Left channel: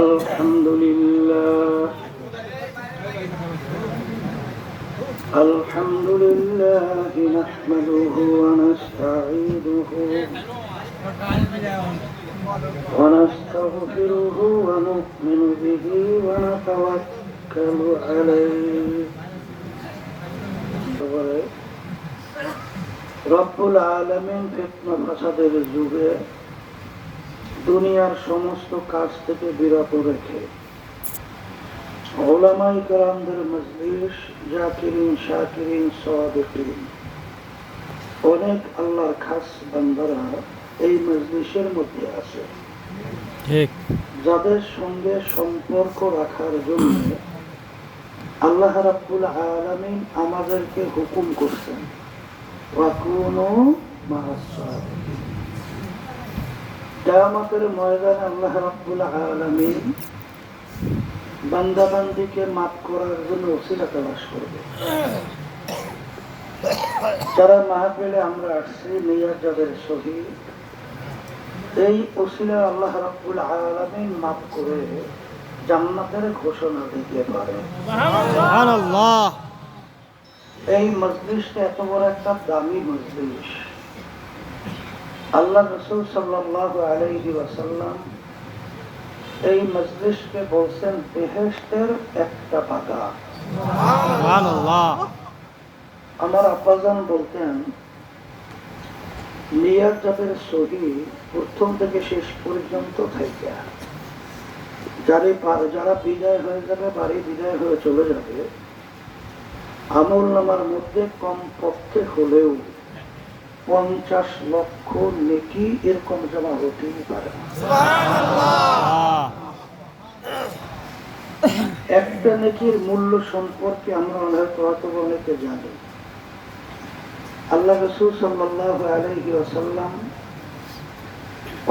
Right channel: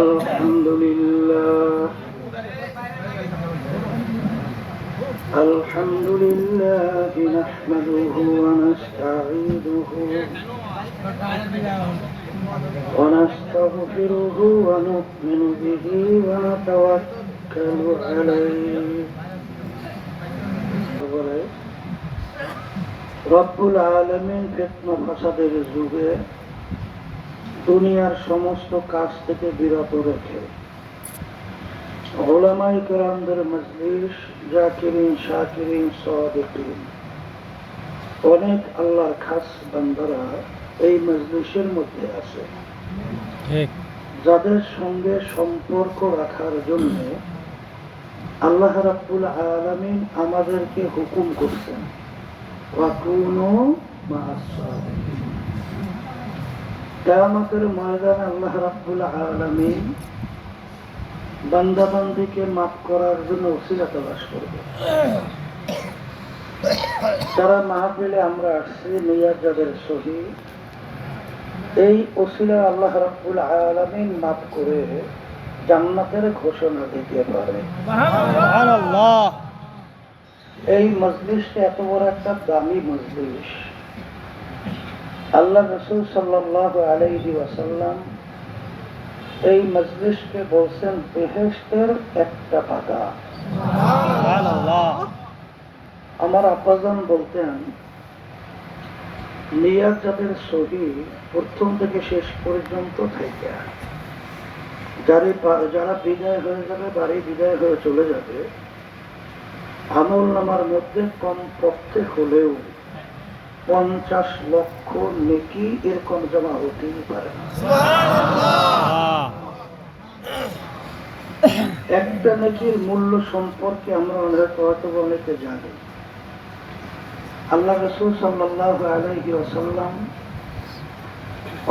আলহামদুলিল্লাহ আলহামদুলিল্লাহি নাহমাদুহু ওয়া নাস্তাঈনুহু ওয়া নাস্তাগফিরুহু ওয়া নু'মিনু বিহি ওয়া নাতাওয়াক্কালু আলাইহি। রব্বুল আলামিন ফিতনা ফাসাদের যুগে দুনিয়ার সমস্ত কাজ থেকে বিরত রেখে উলামায়ে কেরামদের মজলিস, জাকিরিন, শাকিরিন, সাদিকিন, অনেক আল্লাহর খাস বান্দারা এই মজলিসের মধ্যে আছে, যাদের সঙ্গে সম্পর্ক রাখার জন্য আল্লাহ রাব্বুল আলামিন আমাদেরকে হুকুম করছেন, ওয়াকুনু মা'আস সাদিকিন। কিয়ামতের ময়দানে আল্লাহ রাব্বুল আলামিন বান্দাবান্দিকে মাফ করার জন্য ওসিলা তালাশ করবে। যারা মাহফিলে আমরা আসছি নিয়াজাদের সহিত, এই ওসিলা আল্লাহ রাব্বুল আলামিন মাফ করে জান্নাতের ঘোষণা দিতে পারে। সুবহানাল্লাহ। এই মজলিসটা এত বড় একটা দামি মজলিস। আল্লাহ রাসূল সাল্লাল্লাহু আলাইহি ওয়াসাল্লাম এই মজলিসকে বলছেন বেহেশতের একটা বাগান। সুবহানাল্লাহ। আমার আব্বাজান বলতেন, নিয়াত যাদের সহি প্রথম থেকে শেষ পর্যন্ত থাকে, যারা বিদায় হয়ে যাবে, বাড়ি বিদায় হয়ে চলে যাবে, আমল নামার মধ্যে কমপক্ষে হলেও 50 লক্ষ নেকি এরকম জমা হতেই পারে। একটা নেকির মূল্য সম্পর্কে আমরা হয়তো অনেকে জানি। আল্লাহ রাসূল সাল্লাল্লাহু আলাইহি ওয়াসাল্লাম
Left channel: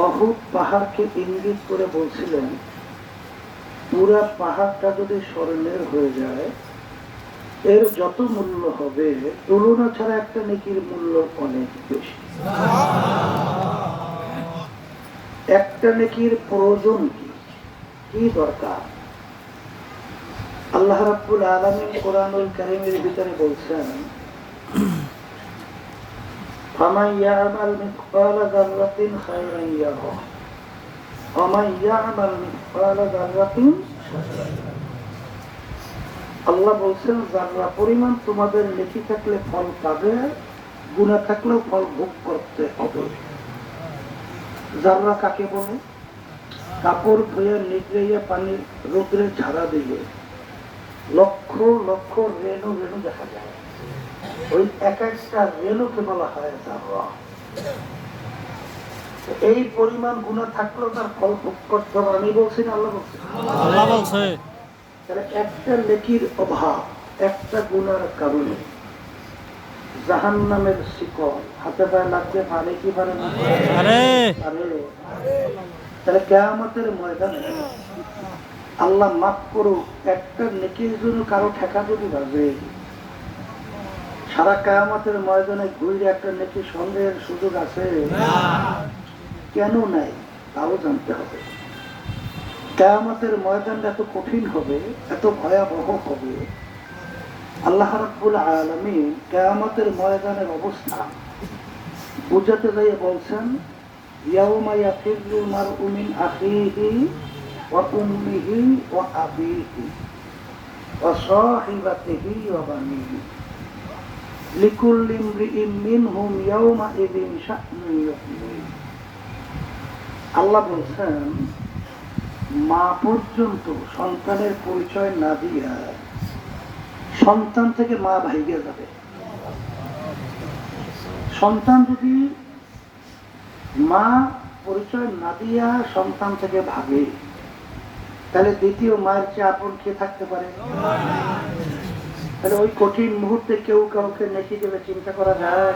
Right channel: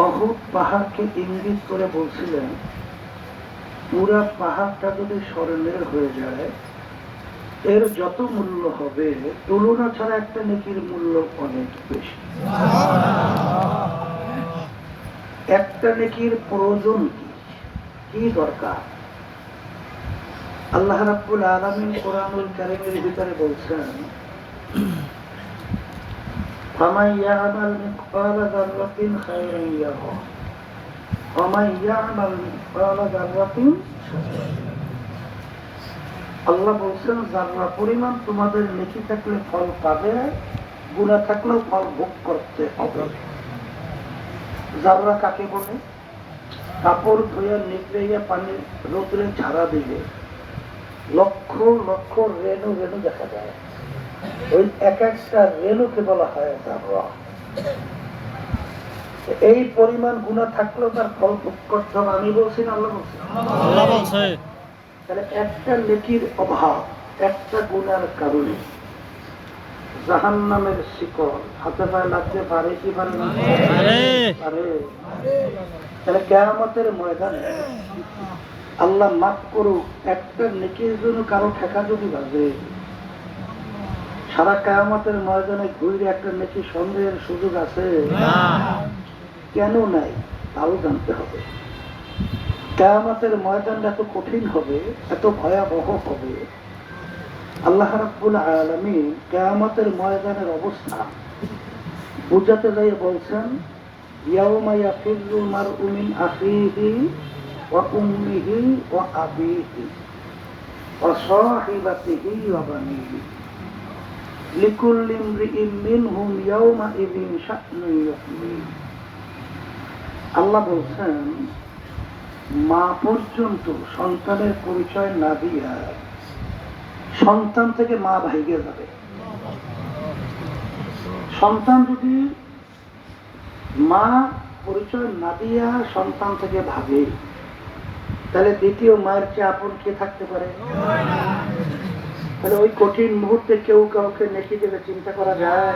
উহুদ পাহাড়কে ইঙ্গিত করে বলছিলেন, পুরা পাহাড়টা যদি স্বর্ণের হয়ে যায়, এর যত মূল্য হবে তুলনা ছাড়া একটা নেকির মূল্য অনেক বেশি। একটা নেকির প্রয়োজন কি দরকার? আল্লাহ রাব্বুল আলামিন কোরআনুল কারীমের ভিতরে বলছেন, ফামান ইয়ামাল মিসকালা যাররাতিন খায়রান ইয়ারাহ ওয়া মান ইয়ামাল মিসকালা যাররাতিন শাররান। আল্লাহ বলছেন, যারা পরিমাণ তোমাদের নেকি থাকলে ফল পাবে, গুনাহ থাকলেও ফল ভোগ করতে হবে। যারা কাকে বলে? কাপড় ধুয়ে নিগড়ে পানি রোদ্রে ঝাড়া দিলে লক্ষ লক্ষ রেণু রেণু দেখা যায়, ওই এক একটা রেণুকে বলা হয় যারা। এই পরিমাণ গুনাহ থাকলেও তার ফল ভোগ করতে হবে। আমি বলছি না, আল্লাহ বলছে? আল্লাহ বলছে। তাহলে একটা নেকির অভাব, একটা গুনার কারণে জাহান্নামের শিকল হাতে পায়ে লাগতে পারে কি পারে না? পারে। তাহলে কিয়ামতের ময়দানে আল্লাহ মাফ করুক, একটা নেকির জন্য কারো ঠেকা যদি বাজে, সারা কিয়ামতের ময়দানে ঘুরে একটা নেকি সন্দেহের সুযোগ আছে? কেন নাই তাও জানতে হবে। কিয়ামতের ময়দানটা এত কঠিন হবে, এত ভয়াবহ হবে। আল্লাহ রাব্বুল আলামিন কিয়ামতের ময়দানের অবস্থা বুঝাতে যাই বলছেন, ইয়াউমা ইয়াফিরুল মারউ মিন আখিহি ওয়া উম্মিহি ওয়া আবিহি ওয়া সাহিবাতিহি ওয়া বানিহি লিকুল্লি ইমরিইন মিনহুম ইয়াউমা ইযিন শা'নুন ইউগনিহি। আল্লাহ বলছেন, মা পর্যন্ত সন্তানের পরিচয় না দিয়া সন্তান থেকে মা ভাইগে যাবে। সন্তান যদি মা পরিচয় না দিয়া সন্তান থেকে ভাগে, তাহলে দ্বিতীয় মায়ের চেয়ে আপন কে থাকতে পারে? তাহলে ওই কঠিন মুহূর্তে কেউ কাউকে নেকি দেবে চিন্তা করা যায়?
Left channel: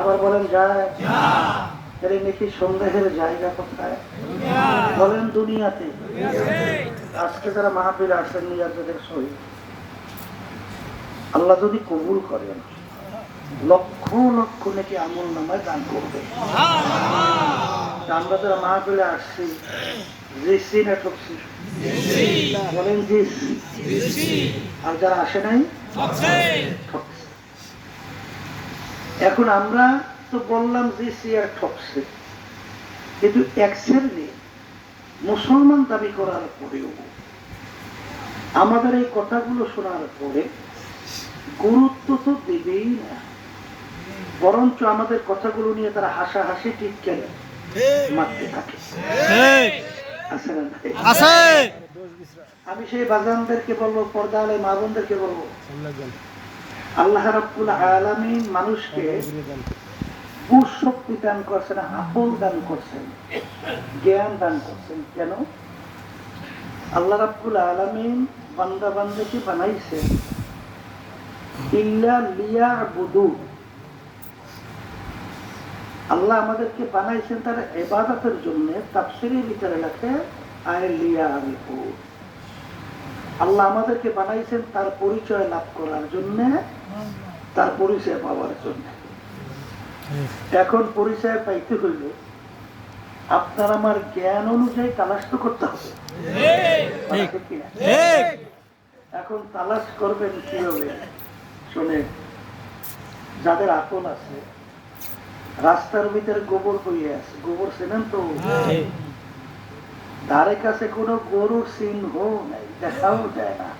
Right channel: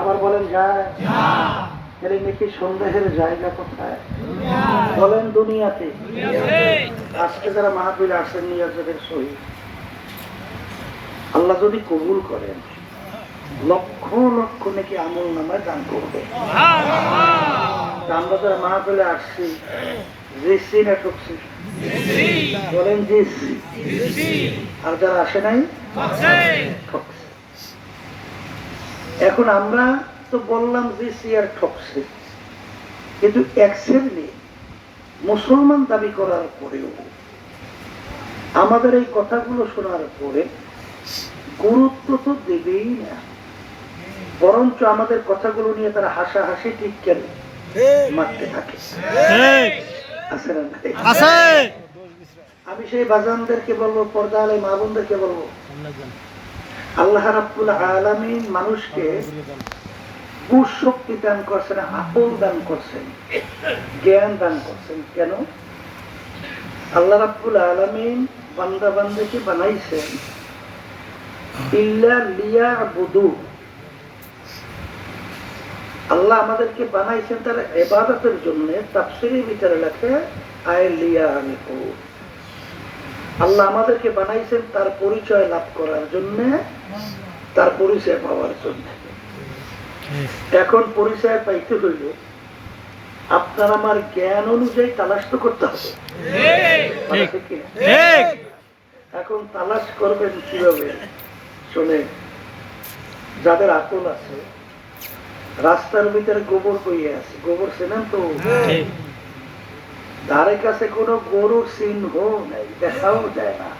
আবার বলেন যায়? তাহলে নেকি সন্দেহের জায়গা কোথায়? বলেন দুনিয়াতে। আজকে যারা মাহফিলে আসেন নিয়াজের সহিত, আল্লাহ যদি কবুল করেন, লক্ষ লক্ষ নেকি আমল নামায় দান করবে। আমরা যারা মাহফিলে আসছি জিসি না ঠকছি? বলেন জিসি। আর যারা আসে নাই ঠকছে। এখন আমরা তো বললাম জিসি আর ঠকছে, কিন্তু এক শ্রেণী মুসলমান দাবি করার পরেও আমাদের এই কথাগুলো শোনার পরে গুরুত্ব তো দেবেই না, বরঞ্চ আমাদের কথাগুলো নিয়ে তারা হাসাহাসি ঠিক কেন মারতে থাকে। আমি সেই বাজানদেরকে বলবো, পর্দা আলে মা বোনদেরকে বলবো, আল্লাহ রাব্বুল আলামিন মানুষকে বুঝ শক্তি দান করছেন, আকল দান করছেন, জ্ঞান দান করছেন। কেন? আল্লাহ রাব্বুল আলামিন বান্দা বান্দাকে বানাইছেন ইল্লা লিয়াবুদু। আল্লাহ আমাদেরকে বানাইছেন তারা ইবাদতের জন্য। তাফসীরের ভিতরে লেখে আয় লিয়ারিফু। আল্লাহ আমাদেরকে বানাইছেন তার পরিচয় লাভ করার জন্য, তার পরিচয় পাওয়ার জন্য। এখন পরিচয় পাইতে হইলে আপনার আমার জ্ঞান অনুযায়ী তালাশ তো করতে হবে। এখন তালাশ করবেন কিভাবে? শুনে, যাদের আকল আছে, রাস্তার ভিতরে গোবর বইয়ে আছে, গোবর চেনেন তো? ধারে কাছে কোনো গরুর চিহ্ন নাই, দেখাও যায় না।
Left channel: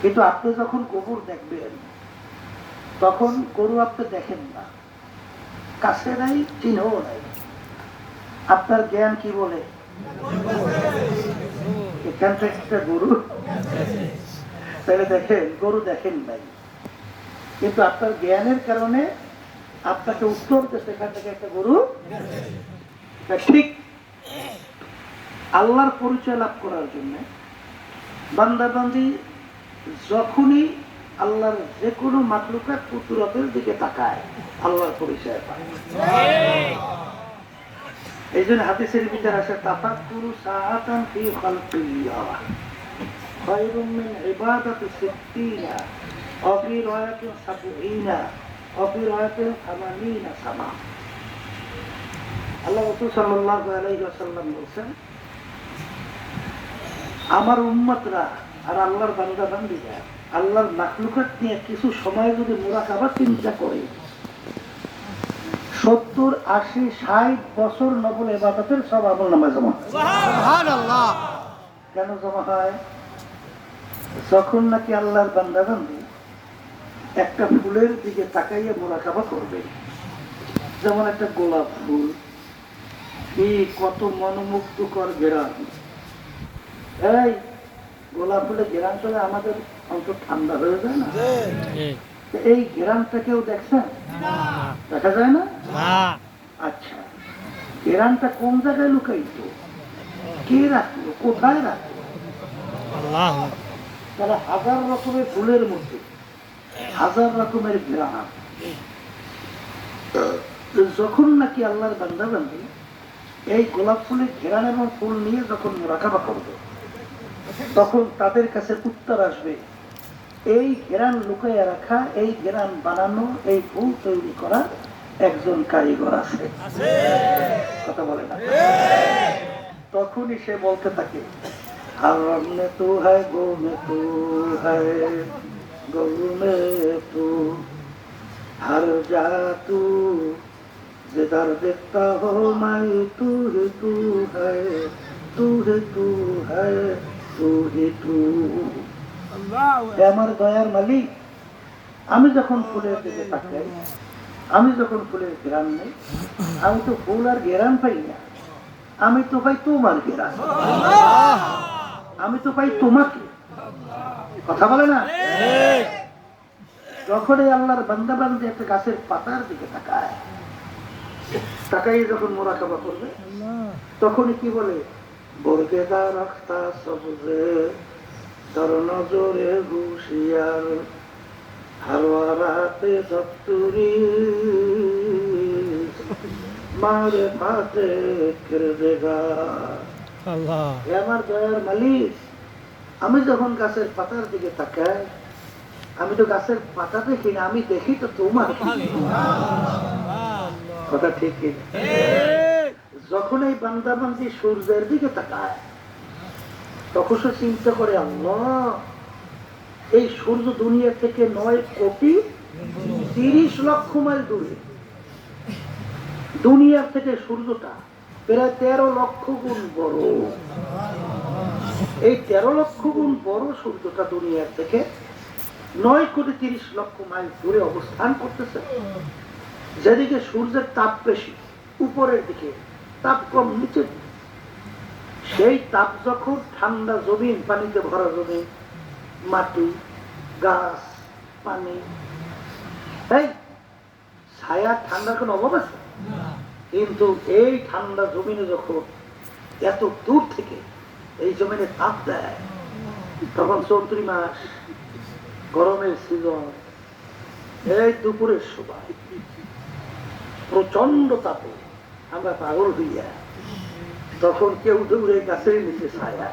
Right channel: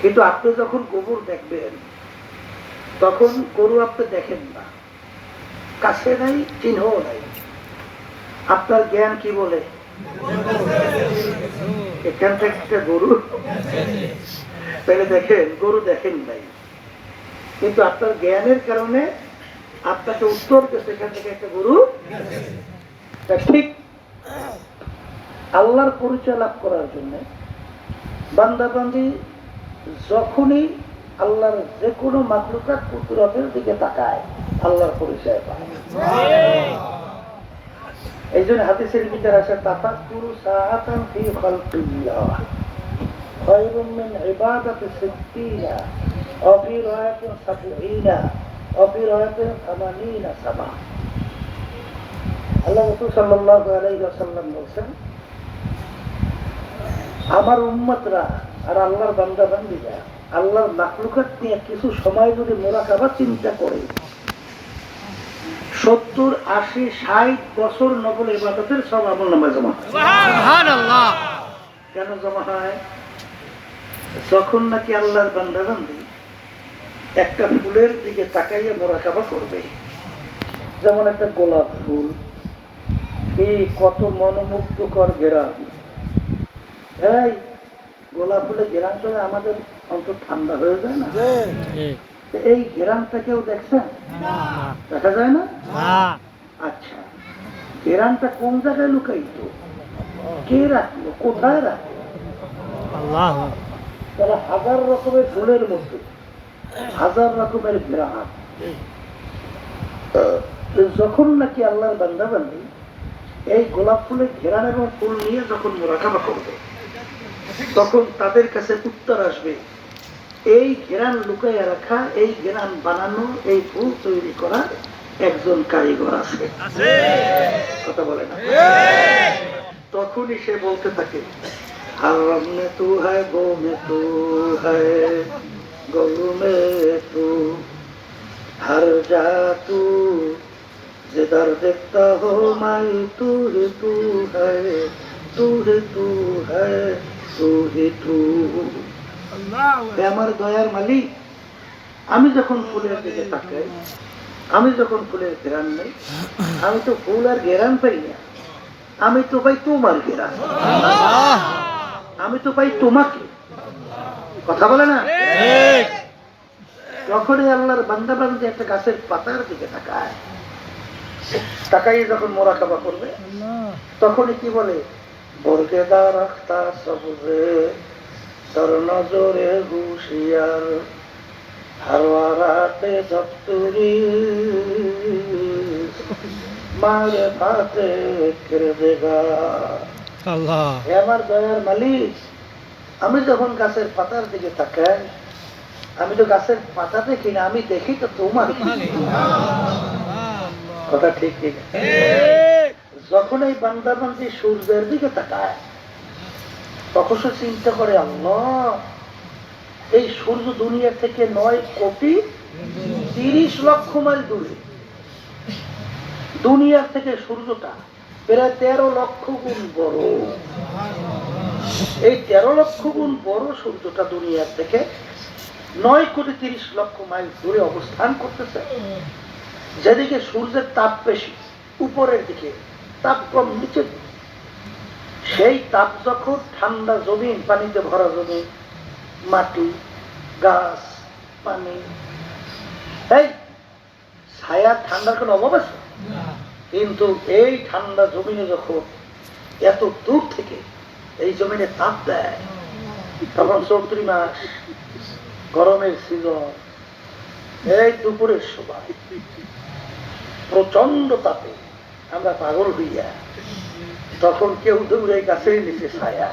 কিন্তু আপনি যখন গোবর দেখবেন তখন গরু আপনি দেখেন না, কাছে নাই, চিহ্ন নাই। আপনার জ্ঞান কি বলে? এখান থেকে গরু, তাহলে দেখেন গরু দেখেন নাই, কিন্তু আপনার জ্ঞানের কারণে আপনাকে উত্তর দিচ্ছে এখান থেকে একটা গরু। ঠিক আল্লাহর পরিচয় লাভ করার জন্য বান্দা বান্দি যখনই আল্লাহর যে কোনো মাখলুকাত কুদরতের দিকে তাকায় আল্লাহর পরিচয় পায়। এই জন্য হাদিসের ভিতরে আছে তাফাক্কুরু সাআতান ফি খালকিল্লাহ খায়রুম মিন ইবাদাতি সিত্তিনা ওয়া ফি রায়াতিন সাবঈনা ওয়া ফি রায়াতিন 80 সামা। আল্লাহ রাসূল সাল্লাল্লাহু আলাইহি ওয়াসাল্লাম বলেন, আমার উম্মতরা আর আল্লাহর বান্দা বান্দীরা আল্লাহর মাখলুকাত নিয়ে কিছু সময় যদি মুরাকাবা চিন্তা করে 70, 80, 60 বছর নফল ইবাদতের সব আমলনামা জমা হয়। সুবহানাল্লাহ। কেন জমা হয়? যখন নাকি আল্লাহর বান্দা বান্দী একটা ফুলের দিকে তাকাইয়া মুরাকাবা করবে, যেমন একটা গোলাপ ফুল, এই কত মনোমুগ্ধকর ঘেরান। এই গোলাপ ফুলের ঘেরান চলে আমাদের অন্তর ঠান্ডা হয়ে যায় না? এই ঘেরানটা কেউ দেখছেন? দেখা যায় না? আচ্ছা, ঘেরানটা কোন জায়গায় লুকাইত? কে রাখলো? কোথায় রাখলো? আল্লাহ। তারা হাজার রকমের ফুলের মধ্যে হাজার রকমের ঘেরান। যখন নাকি আল্লাহর বান্দা বান্দি এই গোলাপ ফুলের ঘেরান এবং ফুল নিয়ে যখন মুরাকাবা করবে, তখন তাদের কাছে উত্তর আসবে, এই ঘেরান লুকাইয়া রাখা, এই ঘেরান বানানো, এই ফুল তৈরি করা একজন কারিগর আছে। কথা বলে না? তখনই সে বলতে থাকে, হারাম নে তু হ্যায়, গো মে তু হ্যায়, গরু মে তু, হর যা তু, जिधर देखता हो मैं तू ही तू है, तू ही तू है, तू ही तू। আমার দয়ার মালিক, আমি যখন ফুলের দিকে তাকাই, আমি যখন ফুলের ঘেরান নেই, আমি তো ফুল আর ঘেরান পাই না, আমি তো পাই তোমার ঘেরান, আমি তো পাই তোমাকে। কথা বলে না? যখনই আল্লাহর বান্দা বান্দি একটা গাছের পাতার দিকে তাকায়, তাকাই যখন মুরাকাবা করবে, তখনই কি বলে, বর্গেদার রাখতা সবজে তোর নজরে হুশিয়ার, হারওয়ারাতে দপ্তরি মারে পাতে কেরদেগা। আল্লাহ, হে আমার দয়ার মালিক, আমি যখন গাছের পাতার দিকে তাকাই, আমি তো গাছের পাতা দেখি না, আমি দেখি তো তোমার। কথা ঠিক কিনা? যখন এই বান্দাবান্দি সূর্যের দিকে তাকায় তখন সে চিন্তা করে, আল্লাহ, এই সূর্য দুনিয়া থেকে 9,30,00,000 মাইল দূরে। দুনিয়ার থেকে সূর্যটা প্রায় 13 লক্ষ গুণ বড়। এই 13 লক্ষ গুণ বড় সূর্যটা দুনিয়ার থেকে 9,30,00,000 মাইল দূরে অবস্থান করতেছে। যেদিকে সূর্যের তাপ বেশি উপরের দিকে, তাপ কম নিচে। সেই তাপ যখন ঠান্ডা জমিন, পানিতে ভরা জমিন, মাটি, গাছ, পানি, এই ছায়া, ঠান্ডার কোনো অভাব আছে? কিন্তু এই ঠান্ডা জমিনে যখন এত দূর থেকে এই জমিনে তাপ দেয়, তখন চৌত্রি মাস, গরমের সিজন, এই দুপুরের সময় প্রচন্ড তাপে আমরা পাগল হইয়া, তখন কেউ দৌড়ে গাছের নিচে ছায়া,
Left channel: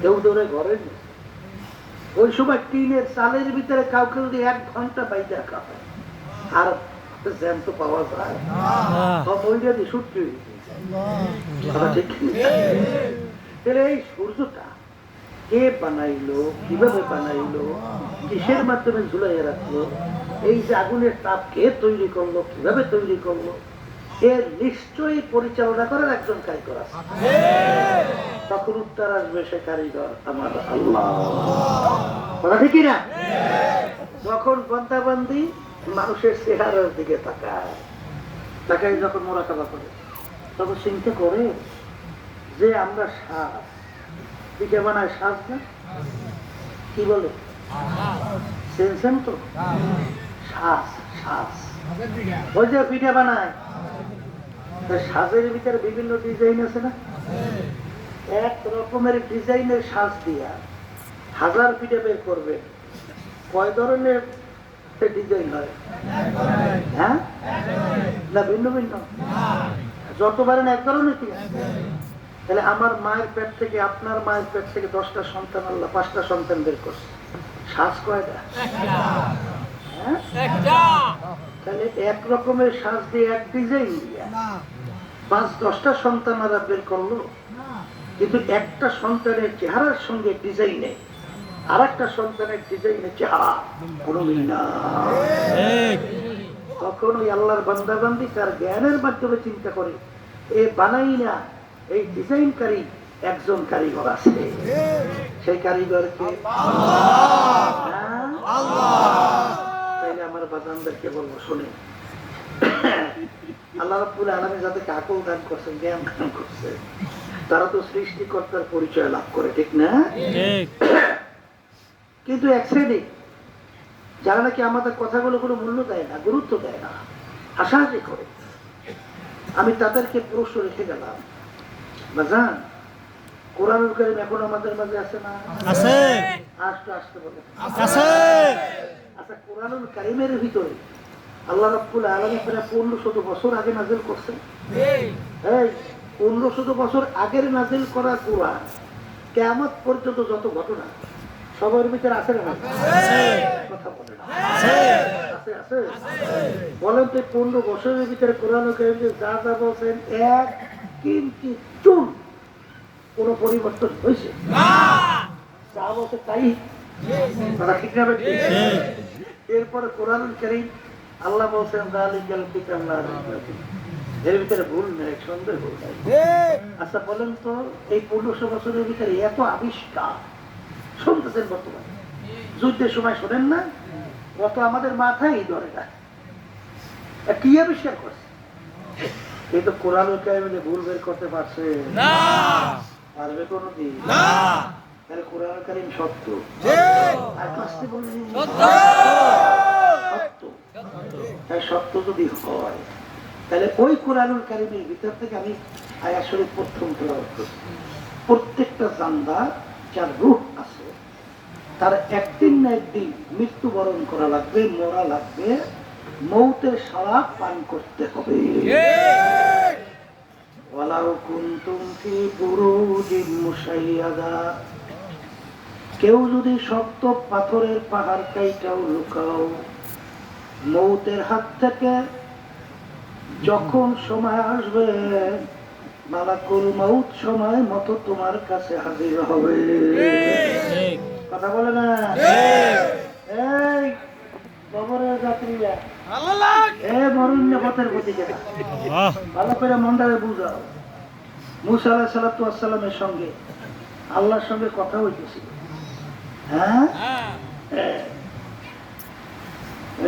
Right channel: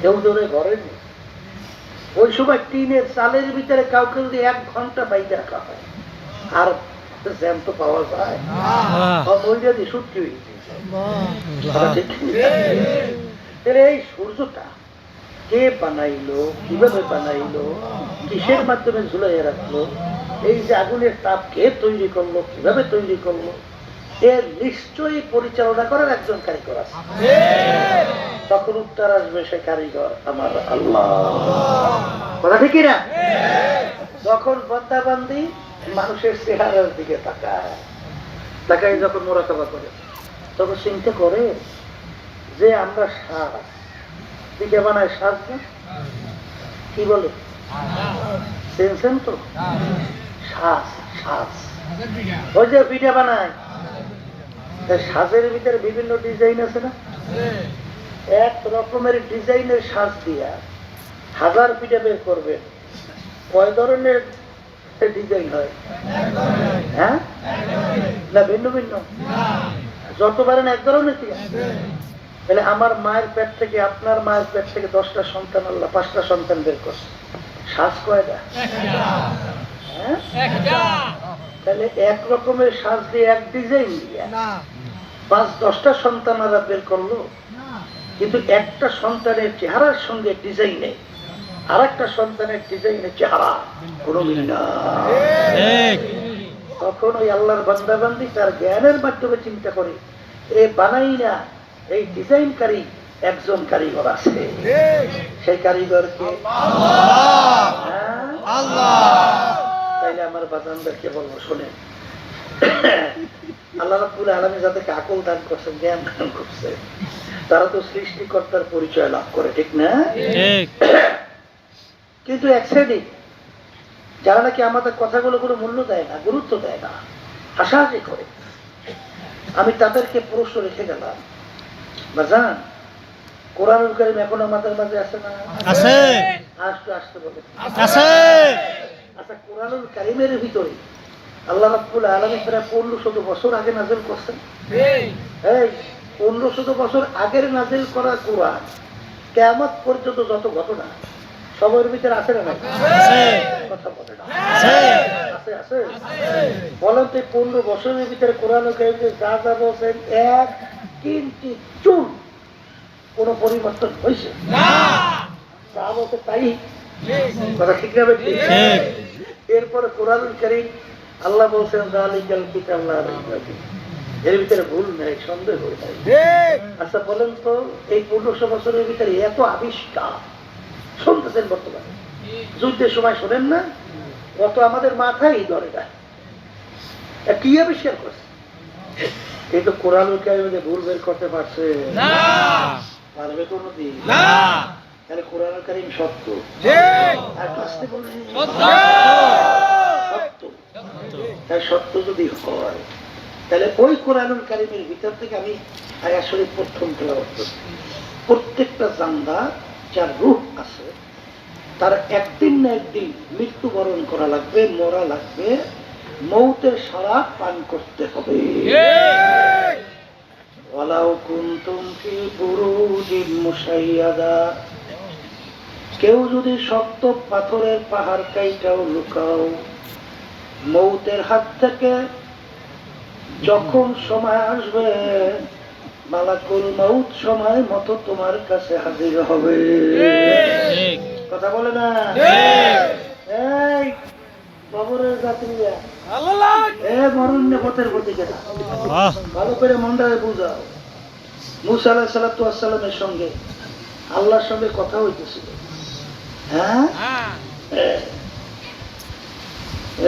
কেউ দৌড়ে ঘরের নিচে। ওই সময় টিনের চালের ভিতরে কাউকে যদি 1 ঘন্টা বাইরে রাখা হয়, আর জ্যান্ত পাওয়া যায়, ওই যদি সত্যি হয়ে যায়। এই সূর্যটা কে বানাইলো, কিভাবে বানাইলো, কিসের মাধ্যমে ঝুলাইয়া রাখলো, এই যে আগুনের তাপ কে তৈরি করলো, কিভাবে তৈরি করলো, এর নিশ্চয়ই পরিচালনা করার একজন কারিগর আছে। তখন উত্তর আসবে, সে কারিগর আমার আল্লাহ। কথা ঠিক না? যখন বন্দাবান্দি মানুষের চেহারার দিকে তাকায়, তাকায় যখন মোরাকাবা করে, তখন চিন্তা করে যে আমরা শ্বাস পিঠে বানায়, শ্বাস না কি বলে সেনসেন তো, শ্বাস শ্বাস ওই যে পিঠে বানায়, শ্বাসের ভিতরে বিভিন্ন ডিজাইন আছে না? এক রকমের ডিজাইনের শ্বাস দিয়া 1000 পিঠে বের করবেন, কয় ধরনের ডিজাইন হয়? হ্যাঁ না ভিন্ন ভিন্ন? যত পারেন এক ধরনের। তাহলে আমার মায়ের পেট থেকে, আপনার মায়ের পেট থেকে 10টা সন্তান, আল্লাহ 5টা সন্তান বের করছে, শ্বাস কয়টা? হ্যাঁ, তাহলে এক রকমের শ্বাস দিয়ে, এক ডিজাইন দিয়ে 5-10টা সন্তান আল্লাহ বের করলো, কিন্তু একটা সন্তানের চেহারার সঙ্গে ডিজাইনে আর একটা সন্তানের ডিজাইনের চেহারা কোনো মিল নাই। তখন ওই আল্লাহর বান্দাবান্দি তার জ্ঞানের মাধ্যমে চিন্তা করে, এ বানাই না, এই ডিজাইনকারী একজন কারিগর আছে। সেই কারিগরকে আল্লাহ। তাইলে আমার বাজানদেরকে বলবো, শোনে, আল্লাহ রাব্বুল আলামিন যাদেরকে আকল দান করছেন, জ্ঞান দান করছে, তারা তো সৃষ্টিকর্তার পরিচয় লাভ করে, ঠিক না? কিন্তু এক শ্রেণী যারা নাকি আমাদের কথাগুলো কোনো মূল্য দেয় না, গুরুত্ব দেয় না, হাসাহাসি করে, আমি তাদেরকে প্রশ্ন রেখে গেলাম, বাজান, কোরআনুল কারীম এখন আমাদের মাঝে আছে না? আছে। আসতে আসতে বলে আছে। আচ্ছা, কোরআনুল কারীমের ভিতরে আল্লাহ রাব্বুল আলামিন প্রায় 1500 বছর আগে নাযিল করছেন। এই 1500 বছর আগের নাযিল করা কোরআন কিয়ামত পর্যন্ত যত ঘটনা, সবার ভিতরে আছে না? আছে। কথা বলে না? আছে। আছে আছে। বলেন তো 15 বছরের ভিতরে কোরআনুল কারীমে যা যা বলছেন, এক কিঞ্চিত চুল কোনো পরিবর্তন হয়েছে না? যা বলছে তাই কথা, ঠিক না? এরপরে কোরআনুল কারীম আল্লাহ বলছেন, যালিকাল কিতাব লা রাইবা ফীহি, এর ভিতরে ভুল নাই, সন্দেহ নাই। আচ্ছা বলেন তো, এই 1500 বছরের ভিতরে এত আবিষ্কার শুনতেছেন বর্তমানে, যুদ্ধের সময় শোনেন না? অত আমাদের মাথায় ধরে না, কি আবিষ্কার করছে? কিন্তু কোরআনুল কারীমে ভুল বের করতে পারছে না, পারবে কোনদিন না। তাহলে কোরআনুল কারীম সত্য, সত্য যদি হয়, তাহলে ওই কোরআনুল কারীমের ভিতর থেকে আমি আয়াত শরীফ প্রথম তেলাওয়াত করছি। প্রত্যেকটা জান্দা যার রূহ আছে, তার একদিন না একদিন মৃত্যুবরণ করা লাগবে, মরা লাগবে, মৌতের শরাব পান করতে হবে। ওয়ালাউ কুনতুম ফি বুরুজিন মুশাইয়াদা, কেউ যদি শক্ত পাথরের পাহাড় কাইটাও লুকাও, মৌতের হাত থেকে যখন সময় আসবে মালাকুল মাউত সময় মতো তোমার কাছে হাজির হবে। কথা বলে না? এই কবরের যাত্রীরা, মরুণ্য পথের প্রতীকে ভালো করে মনটারে বুঝাও। মুসা আলাইহিস সালাতু ওয়াস সালামের সঙ্গে আল্লাহর সঙ্গে কথা হইতেছিল। হ্যাঁ,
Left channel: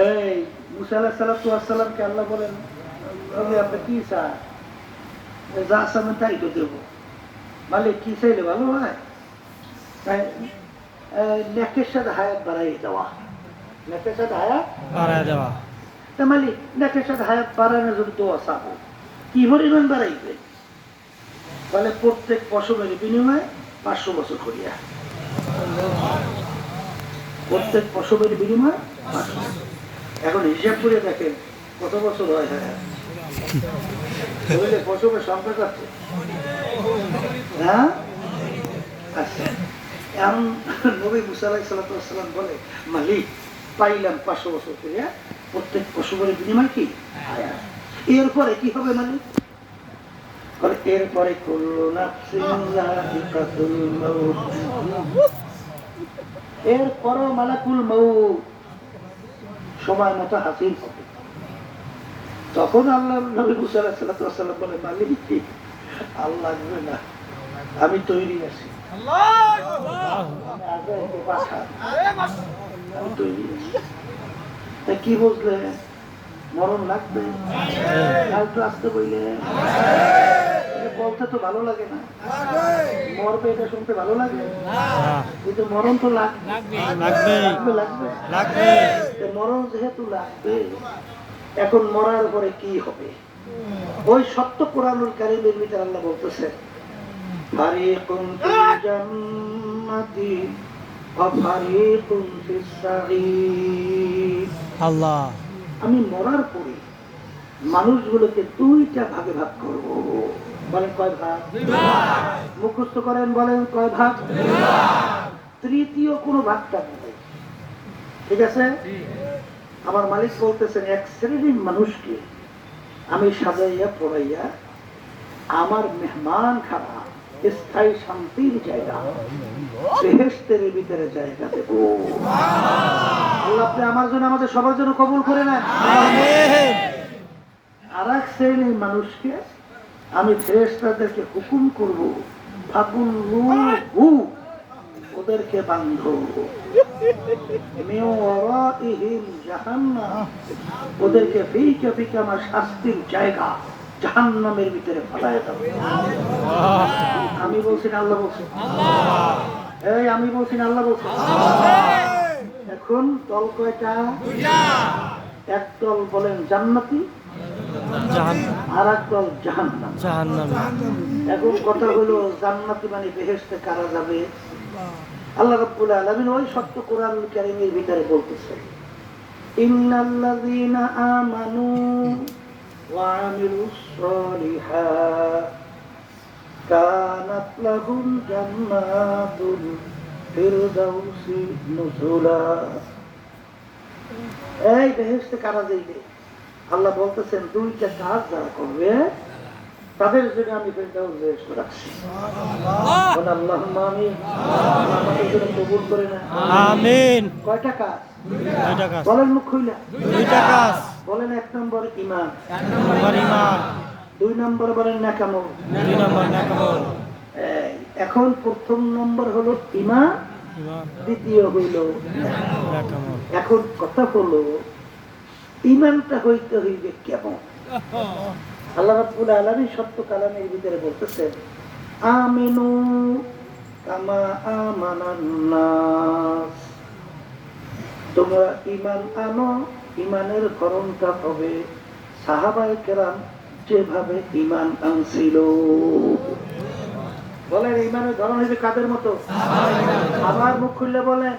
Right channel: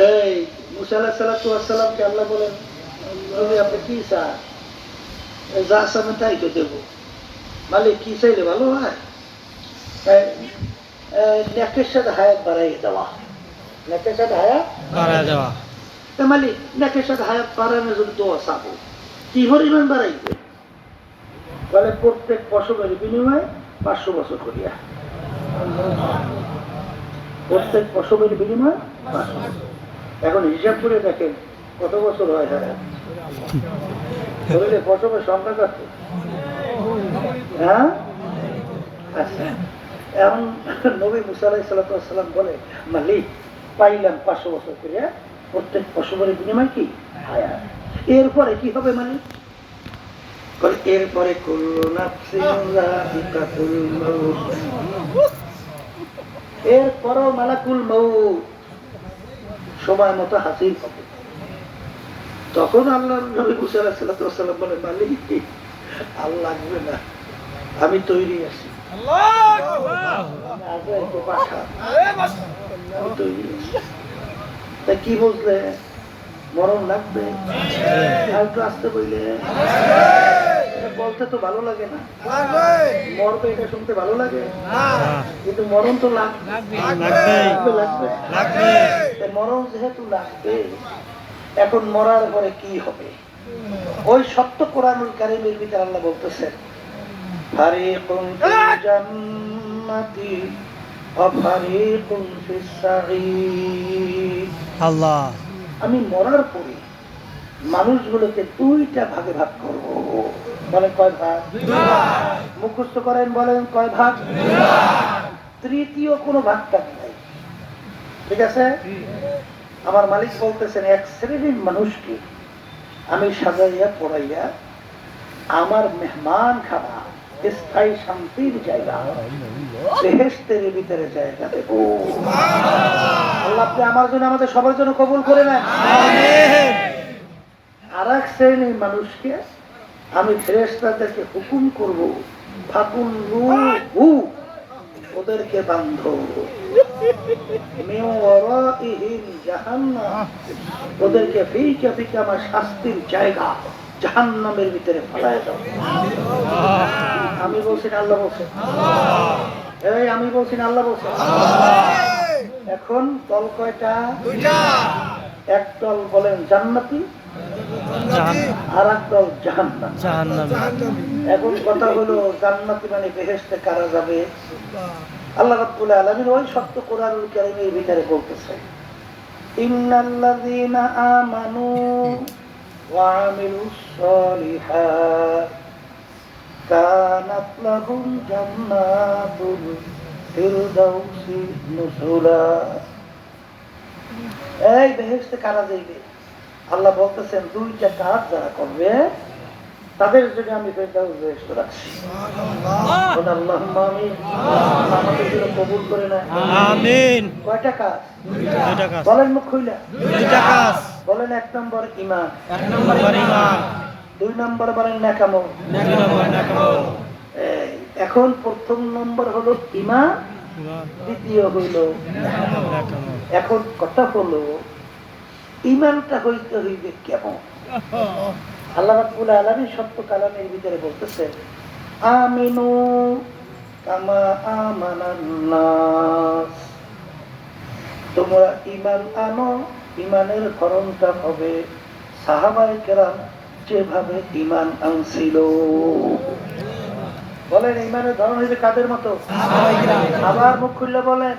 এই মুসা আলাইহিস সালাতু ওয়াস সালামকে আল্লাহ বলেন, তুমি আপনি কি চান? যা চান তাই তো দেব। মালিক কি চাইলে ভালো হয়? নেকের সাথে হায়াত বাড়াইয়ে দেওয়া। নেকের সাথে হায়াত বাড়াইয়ে দেওয়া। মালিক নেকের সাথে হায়াত বাড়ানোর জন্য দোয়া চাবো, কি পরিমাণ বাড়াইবে? তাহলে প্রত্যেক পশমের বিনিময়ে 500 বছর করিয়া, প্রত্যেক পশমের বিনিময়ে 500। এখন হিসাব করে দেখেন কত বছর হয়। পশমের সংখ্যা কত? হ্যাঁ, আচ্ছা। এখন নবী মুসা আলাইহিস সালাতু ওয়াস সালাম বলে, মালিক পাইলাম 500 বছর করিয়া, প্রত্যেক পশমের বিনিময় কি হায়াত। এরপরে কি হবে মালিক? এরপরে এরপরও মালাকুল মউত সময় মতো হাসিল হবে। তখন আল্লাহ নবী মুসা আলাইহিস সালাতু ওয়াস সালাম বলে, মালিক আর লাগবে না, আমি তৈরি আছি। কি বুঝলে? মরণ লাগবে, আসতে বইলে বলতে তো ভালো লাগে না, মরবে এটা শুনতে ভালো লাগে, কিন্তু মরণ তো লাগবে। মরণ যেহেতু লাগবে, এখন মরার পরে কি হবে? ওই সত্য কোরআনুল কারীমের ভিতরে আল্লাহ বলতেছেন, ফারিকুন ফিল জান্নাতি ওয়া ফারিকুন ফিস সাঈর। আল্লাহ, আমি মরার পরে মানুষগুলোকে 2টা ভাগে ভাগ করব। বলেন কয় ভাগ? মুখস্থ করেন, বলেন কয় ভাগ? তৃতীয় কোনো ভাগটা নাই। ঠিক আছে? আমার মালিক বলতেছেন, এক শ্রেণীর মানুষকে আমি সাজাইয়া পড়াইয়া আমার মেহমান খানা, স্থায়ী শান্তির জায়গা, বেহেশতের ভিতরে জায়গা দেব। আল্লাহ আপনি আমার জন্য, আমাদের সবার জন্য কবুল করে নেন। আর এক শ্রেণীর মানুষকে আমি ফেরেশতাদেরকে হুকুম করব, ফাকুল্লুহু, ওদেরকে বাঁধো, মিন ওয়ারাইহিম জাহান্নাম, ওদেরকে ফিকা ফিকা আমার শাস্তির জায়গা জাহান্নামের ভিতরে ফেলায় দাও। আমি বলছি না আল্লাহ বলছেন? এই আমি বলছি না আল্লাহ বলছেন? এখন দল কয়টা? এক দল বলেন জান্নাতি, আর এক দল জাহান্নামী। এখন কথা হলো, জান্নাতি মানে বেহেশতে কারা যাবে? আল্লাহ রাব্বুল আলামিন ওই সত্য কোরআনুল কারীমের ভিতরে বলতেছেন, ইন্নাল্লাযীনা আমানু ওয়া আমিলুস সলিহাত কানাত লাহুম জান্নাতুল ফিরদাউসি নুজুলা। এই বেহেশতে কারা যাইবে? আল্লাহ বলতেছেন, 2টা কাজ যারা করবে তাদের জন্য আমি ফেরদাউস বেহেশত রাখছি। আল্লাহুম্মা আমিন। আমাদের জন্য কবুল করে না, আমিন। কয়টা কাজ? 2টা কাজ। বলেন মুখ খুইলা। 2টা কাজ। বলেন 1 নম্বর ঈমান, 2 নম্বর বলেন নেকামল, 2 নম্বর নেকামল। এখন প্রথম নম্বর হলো ঈমান, দ্বিতীয় হইল নেকামল। এখন কথা হলো, ঈমানটা হইতে হইবে কেমন? আল্লাহ রাব্বুল আলামিন সত্য কালামের ভিতরে বলতেছেন, আমিনু কামা আমানান নাস, তোমরা ঈমান আনো, ঈমানের ধরনটা হবে সাহাবায়ে কেরাম যেভাবে ঈমান আনছিল। বলেন ঈমানের ধরন হইবে কাদের মতো? আবার মুখ খুললে বলেন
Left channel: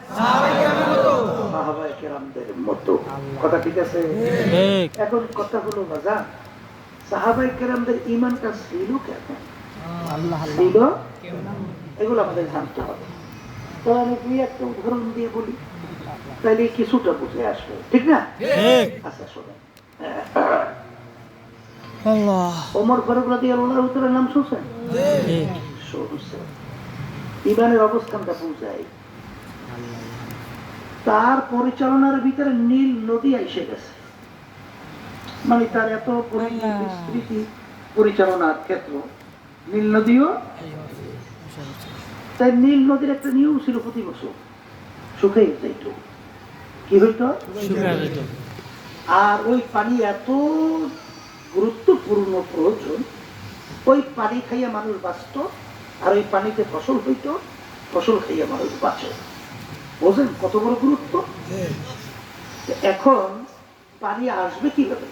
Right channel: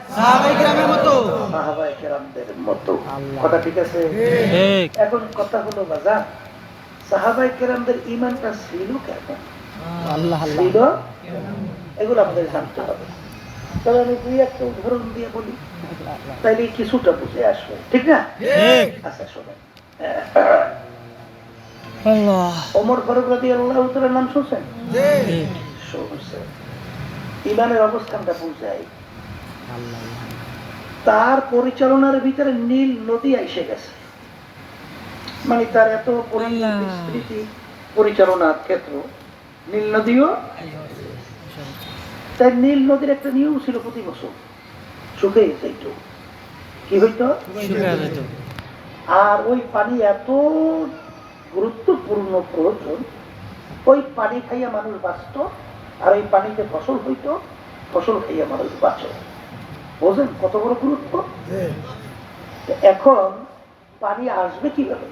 সাহাবায়ে কেরামদের মতো। কথা ঠিক আছে? এখন কথা হলো বাজার, সাহাবায়ে কেরামদের ঈমানটা ছিল কেমন? ছিল, এগুলো আমাদের জানতে হবে। তবে আমি 2-1টা উদাহরণ দিয়ে বলি, তাইলে কিছুটা বুঝে আসবে, ঠিক না? আচ্ছা শোনেন, ওমর ফারুক রাদিয়াল্লাহু তাআলার নাম শুনছেন? শুনছেন। ইমানের অবস্থানটা বুঝায়। তার পরিচালনার ভিতরে নীল নদী এসে গেছে, মানে তার এত বিস্তৃতি পরিচালনার ক্ষেত্র, নীল নদীও। তাই নীল নদীর একটা নিয়ম ছিল, প্রতি বছর শুকিয়ে যেত। কি হইতো? আর ওই পানি এত গুরুত্বপূর্ণ, প্রয়োজন। ওই পানি খাইয়া মানুষ বাঁচত, আর ওই পানিতে ফসল হইত, ফসল খাইয়া মানুষ বাঁচত। বোঝেন কত বড় গুরুত্ব? এখন পানি আসবে কিভাবে?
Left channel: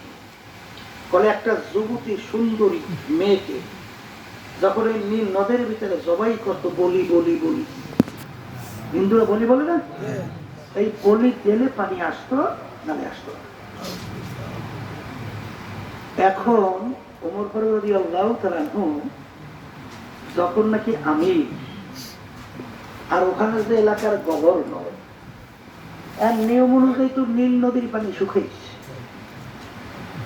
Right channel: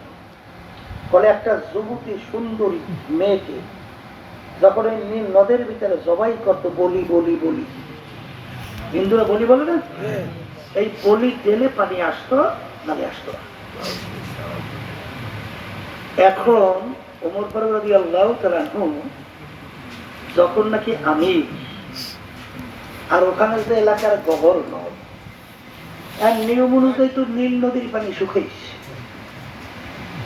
বলে একটা যুবতী সুন্দরী মেয়েকে যখন ওই নীল নদের ভিতরে জবাই করত, বলি বলি বলি, হিন্দুরা বলি বলে না, এই বলি দিলে পানি আসতো, নালে আসতো। এখন ওমর ফারুক রাদিয়াল্লাহু তাআলা যখন নাকি আমির, আর ওখানে যে এলাকার গভর্নর, আর নিয়ম অনুযায়ী তো নীল নদীর পানি শুকাইছে।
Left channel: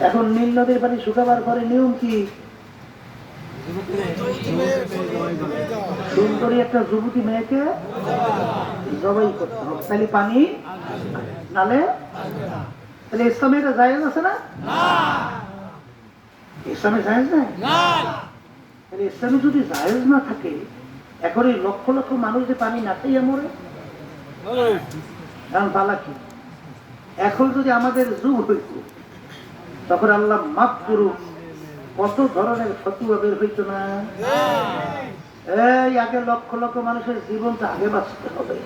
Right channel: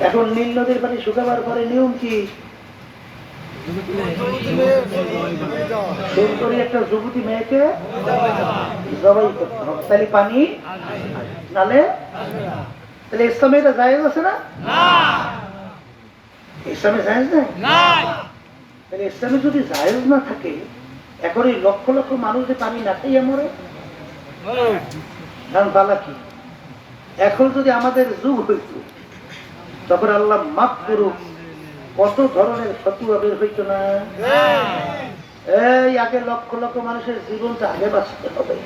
এখন নীল নদীর পানি শুকাবার পরে নিয়ম কি? সুন্দরী একটা যুবতী মেয়েকে জবাই করতে হবে, তাহলে পানি নালে। তাহলে ইসলামে এটা জায়েজ আছে না? ইসলামে জায়েজ নাই। তাহলে ইসলামে যদি জায়েজ না থাকে, এখন এই লক্ষ লক্ষ মানুষ যে পানি না খাইয়া মরে, বালা কি? এখন যদি আমাদের যুগ হইত, তখন আল্লাহ মাফ করুক, কত ধরনের ফতুয়া বের হইত না? এই আগে লক্ষ লক্ষ মানুষের জীবনটা আগে বাঁচতে হবে,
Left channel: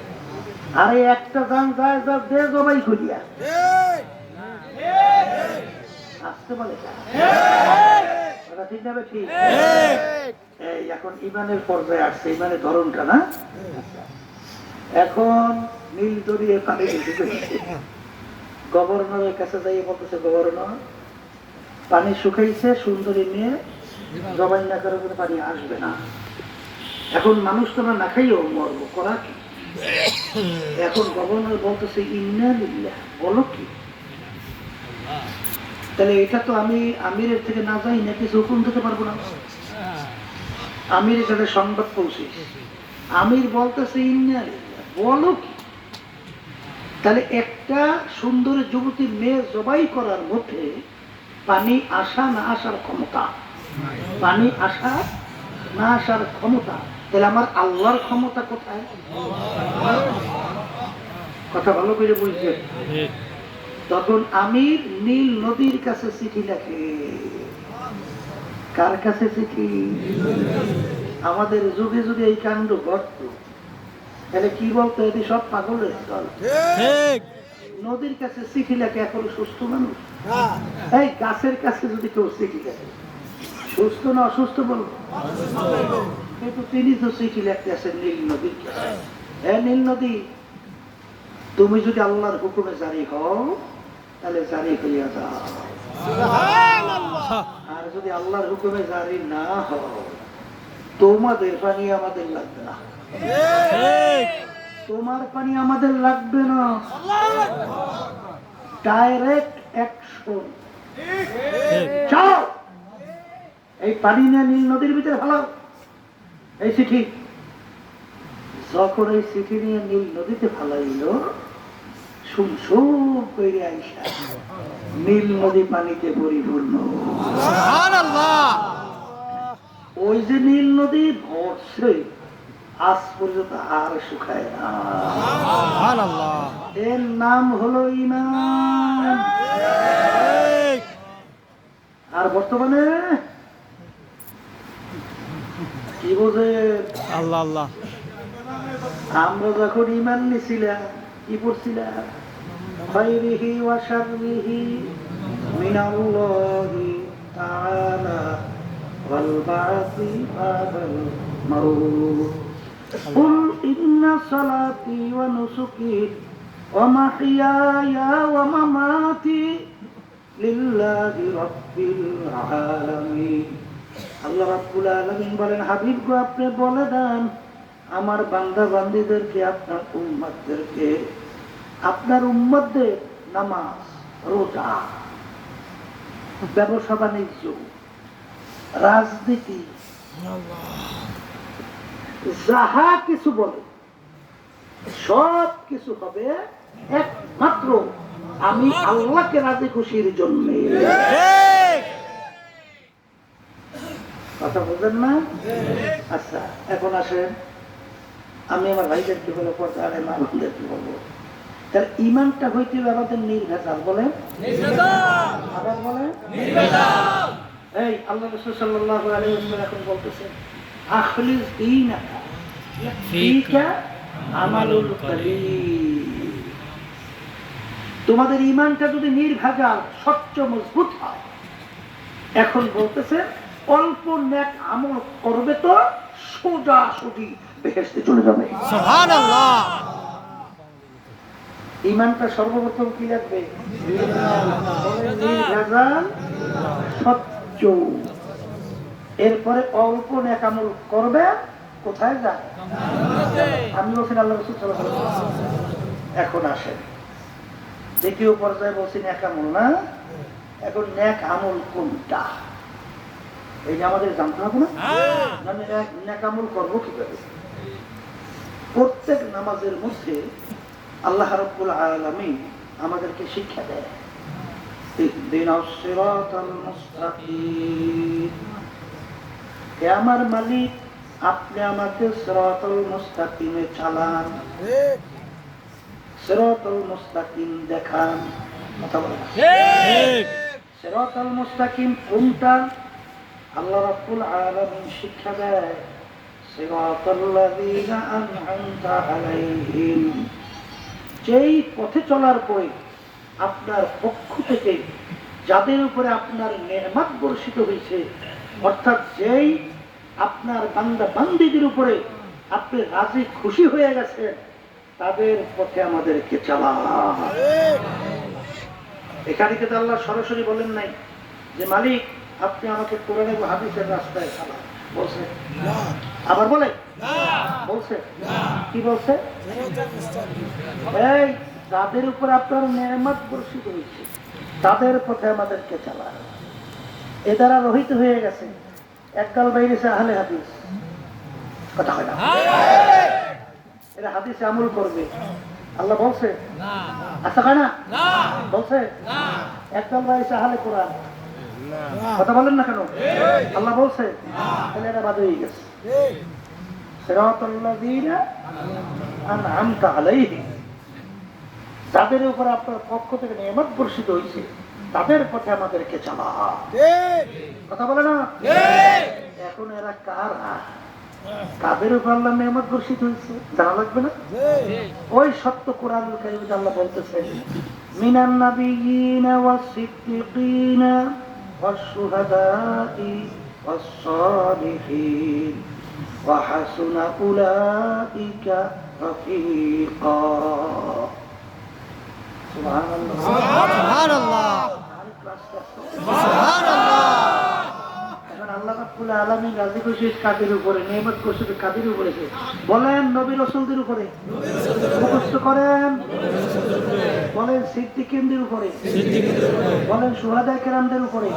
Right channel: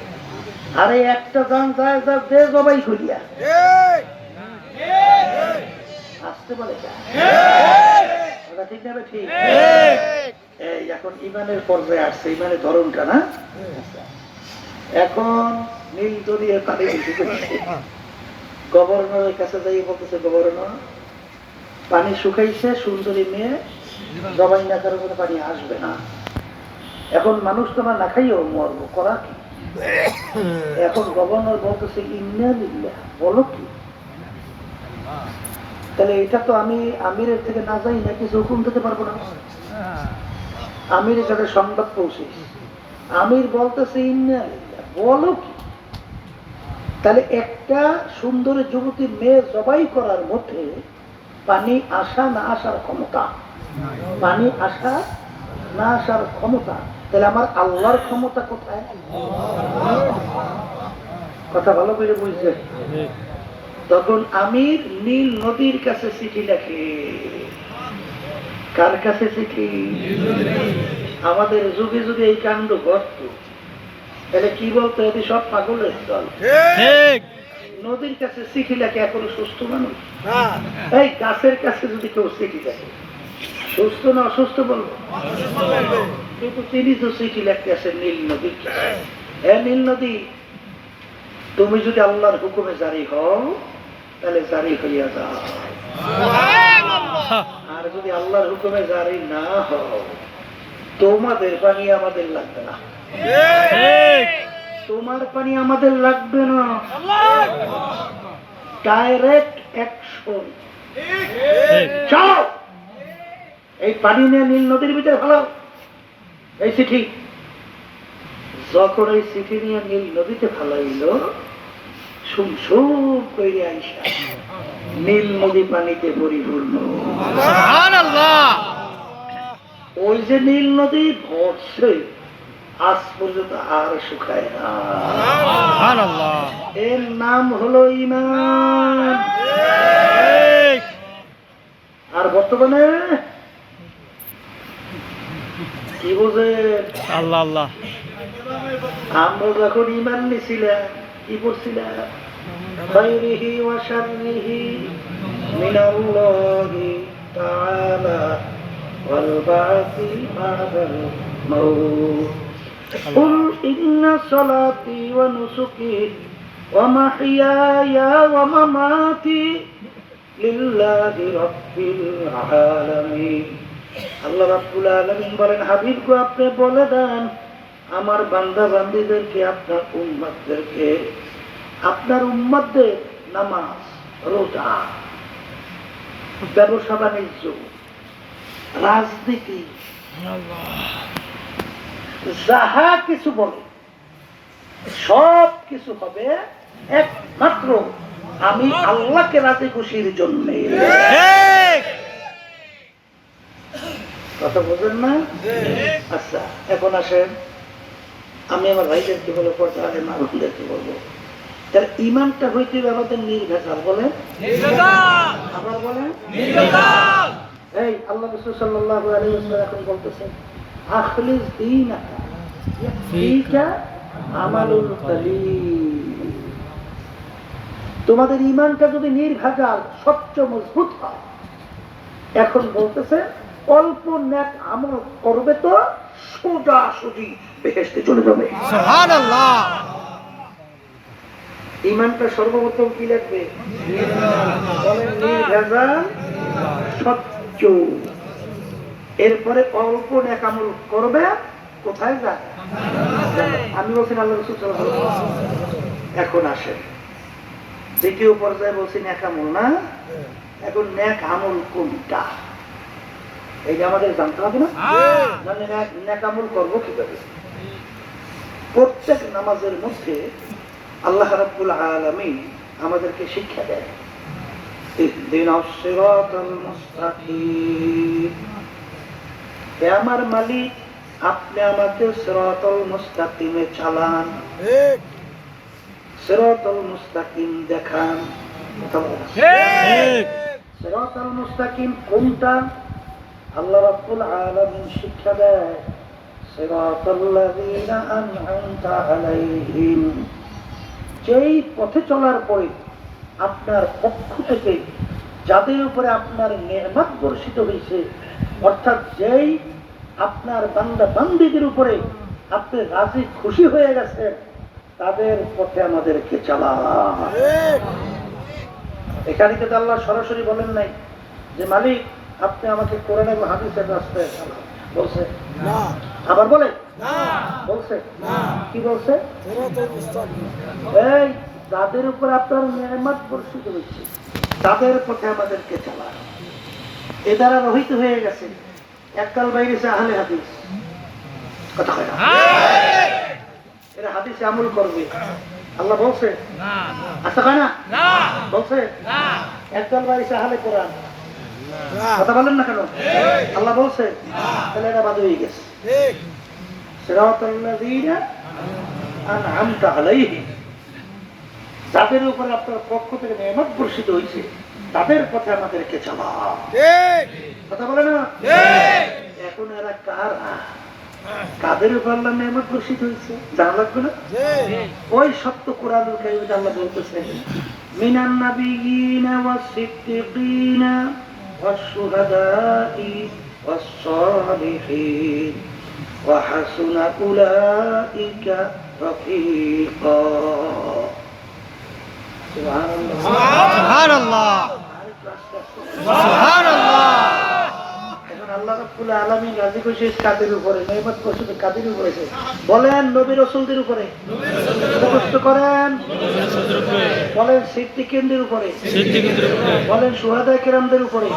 আর এই একটা জান যায় যা দে জবাই করিয়া আসতে বলে, ঠিক না? ঠিক। এই এখন ইমানের পর্যায়ে আসছে, ইমানের ধরনটা না। এখন নীল দরিয়া পানি গভর্নরের কাছে যাই বলতেছে, গভর্নর পানি শুকাইছে, সুন্দরী মেয়ে জবাই না করার কোনো পানি আসবে না। এখন মানুষ তোমার না খাইও মরবো, করা কি? এখন গভর্নর বলতেছে ইন্না লিল্লাহ, বলো কি? তাহলে এটা তো আমি আমিরের থেকে না যাই না কিছু হুকুম দিতে পারবো না। আমির এটাতে সংবাদ পৌঁছে, আমির বলতেছে ইন্না লিল্লাহ, বলো কি? তাহলে একটা সুন্দর যুবতী মেয়ে জবাই করার মধ্যে পানি আসা না আসার ক্ষমতা, পানি আসা না আসার ক্ষমতা, তাহলে আমার আল্লাহর ক্ষমতা কোথায়? কথা ভালো করে বুঝছে। তখন আমির নীল নদীর কাছে চিঠি লেখে। কার কাছে চিঠি? আমাদের যুগে যুগে এই কাণ্ড ঘটত, তাহলে কি বলতো? এটি সব পাগলের দল। নদীর কাছে চিঠি লেখে এখনো সুস্থ মানুষ। এই গাছের কাছে যদি কেউ চিঠি লেখে, সুস্থ না অসুস্থ বলবো? কিন্তু তিনি তো চিঠি লেখতে আসেন নীল নদীর কাছে। হ্যাঁ নীল নদী, তুমি যদি আল্লাহর হুকুমে জারি হও, তাহলে জারি হইয়া যাও, আর যদি আল্লাহর হুকুমে জারি না হও, তোমাদের পানি আমাদের লাগবে না, তোমার পানি আমাদের লাগবে না। Direct action. চলো এই পানি নিয়ে নীল নদীর ভিতরে ভালো। এই চিঠি যখন এই চিঠি নিয়ে নীল নদীতে ফালাইল, সুমসুম করে আইসা নীল নদী পানিতে পরিপূর্ণ। ওই যে নীল নদী ভরছে, আজ পর্যন্ত আর শুকায় না। এর নাম হলো ঈমান। আর বর্তমানে কি বোঝে? আল্লাহ আল্লাহ। আমরা যখন ঈমান নিছিলাম, কি পড়ছিলাম? খায়রিহি ওয়া শাররিহি মিনাল্লাহি তাআলা ওয়াল বা'সি বা'দাল মাউত। কুল ইন্না সালাতি ওয়া নুসুকি ওয়া মাহইয়ায়া ওয়া মামাতি লিল্লাহি রাব্বিল আলামিন। আল্লাহ রাব্বুল আলামিন বলেন, হাবিব গো আপনি বলে দেন আমার বান্দা বান্দীদেরকে, আপনার উম্মতদেরকে, আপনার উম্মতদের নামাজ, রোজা, ব্যবসা বাণিজ্য, রাজনীতি, যাহা কিছু বলে সব কিছু হবে একমাত্র আমি আল্লাহকে রাজি খুশির জন্য। কথা বলছেন না? আচ্ছা, এখন আসেন, আমি আমার ভাইদেরকে বলে পড়তে না বন্ধুদেরকে বলবো, তার ইমানটা হইতে আমাদের নির্ভেজাল। বলেন আবার বলেন। এই আল্লাহ রাসূল সাল্লাল্লাহু আলাইহি ওয়াসাল্লাম এখন বলতেছেন, আখলিস দীনাকা ফীকা আমালুল কলিল। তোমাদের ইমানটা যদি নির্ভেজাল স্বচ্ছ মজবুত হয়, এখন বলতেছে অল্প নেক আমল করবে তো সোজা সুজি বেহেশতে চলে যাবে। সুবহানাল্লাহ। ইমানটা সর্বপ্রথম কি লাগবে? নির্ভেজাল স্বচ্ছ। এরপরে অল্প নেক আমল করবে, কোথায় যাবে? আমি বলছি আল্লাহ রাসূল সাল্লাল্লাহু আলাইহি ওয়াসাল্লাম। এখন আসে দ্বিতীয় পর্যায়ে, বলছি নেক আমল না। এখন নেক আমল কোনটা, এই যে আমাদের জানতে হবে না? নেক আমল করবো কিভাবে? প্রত্যেক নামাজের মধ্যে আল্লাহ রাব্বুল আলামিন আমাদেরকে শিক্ষা দেয়, ইহদিনাস সিরাতাল মুস্তাকিম। হে আমার মালিক, আপনি আমাকে সিরাতাল মুস্তাকিমে চালান, সিরাতাল মুস্তাকিম দেখান। কথা বলেন ঠিক। সিরাতাল মুস্তাকিম কোনটা? আল্লাহ রাব্বুল আলামিন শিক্ষা দেয়, সিরাতাল্লাযীনা আন'আমতা আলাইহিম। যেই পথে চলার পরে আপনার পক্ষ থেকে যাদের উপরে আপনার নেয়ামত বর্ষিত হয়েছে, অর্থাৎ যেই আপনার বান্দা বান্দীদের উপরে আপনি রাজি খুশি হয়ে গেছেন, তাদের পথে আমাদেরকে চালান। এখানে কিন্তু আল্লাহ সরাসরি বলেন নাই যে মালিক আপনি আমাকে করে নেব হাদিসের রাস্তায় বলছে না। আবার বলে বলছে কি বলছে? এই যাদের উপর আপনার নেয়ামত বর্ষিত হয়েছে তাদের পথে আমাদেরকে চালান। এ দ্বারা রহিত হয়ে গেছে একদল বাইরেছে আহলে হাদিস। কথা হয় না? এরা হাদিসে আমল করবে, আল্লাহ বলছে আচ্ছা কয় না? বলছে একদল বাইরেছে আহলে কোরআন। কথা বলেন না কেন? আল্লাহ বলছে, তাহলে এরা বাদ হয়ে গেছে। সিরাতাল্লাযীনা আন'আমতা আলাইহিম, যাদের উপর আপনার পক্ষ থেকে নেয়ামত বর্ষিত হয়েছে তাদের পথে আমাদেরকে চালান। কথা বলে না? এখন এরা কারা, কাদের উপর আল্লাহ নেয়ামত বর্ষিত হয়েছে জানা লাগবে না? ওই সত্য কোরআন কারীমে আল্লাহ বলতেছে, মিনান নাবিয়্যিনা ওয়াস সিদ্দীকিনা ওয়াস শুহাদাই ওয়াস সালিহিন ওয়া হাসুনা উলাইকা রাফীকা। সুবহানাল্লাহ, সুবহানাল্লাহ। এখন আল্লাহ রাব্বুল আলামিন রাজি খুশি কাদের উপরে নেয়ামত বর্ষিত কাদের উপরে? বলেন নবী রাসূলদের উপরে। মুখস্থ করেন। বলেন সিদ্দিকীনদের উপরে। বলেন শুহাদায়ে কেরামদের উপরে।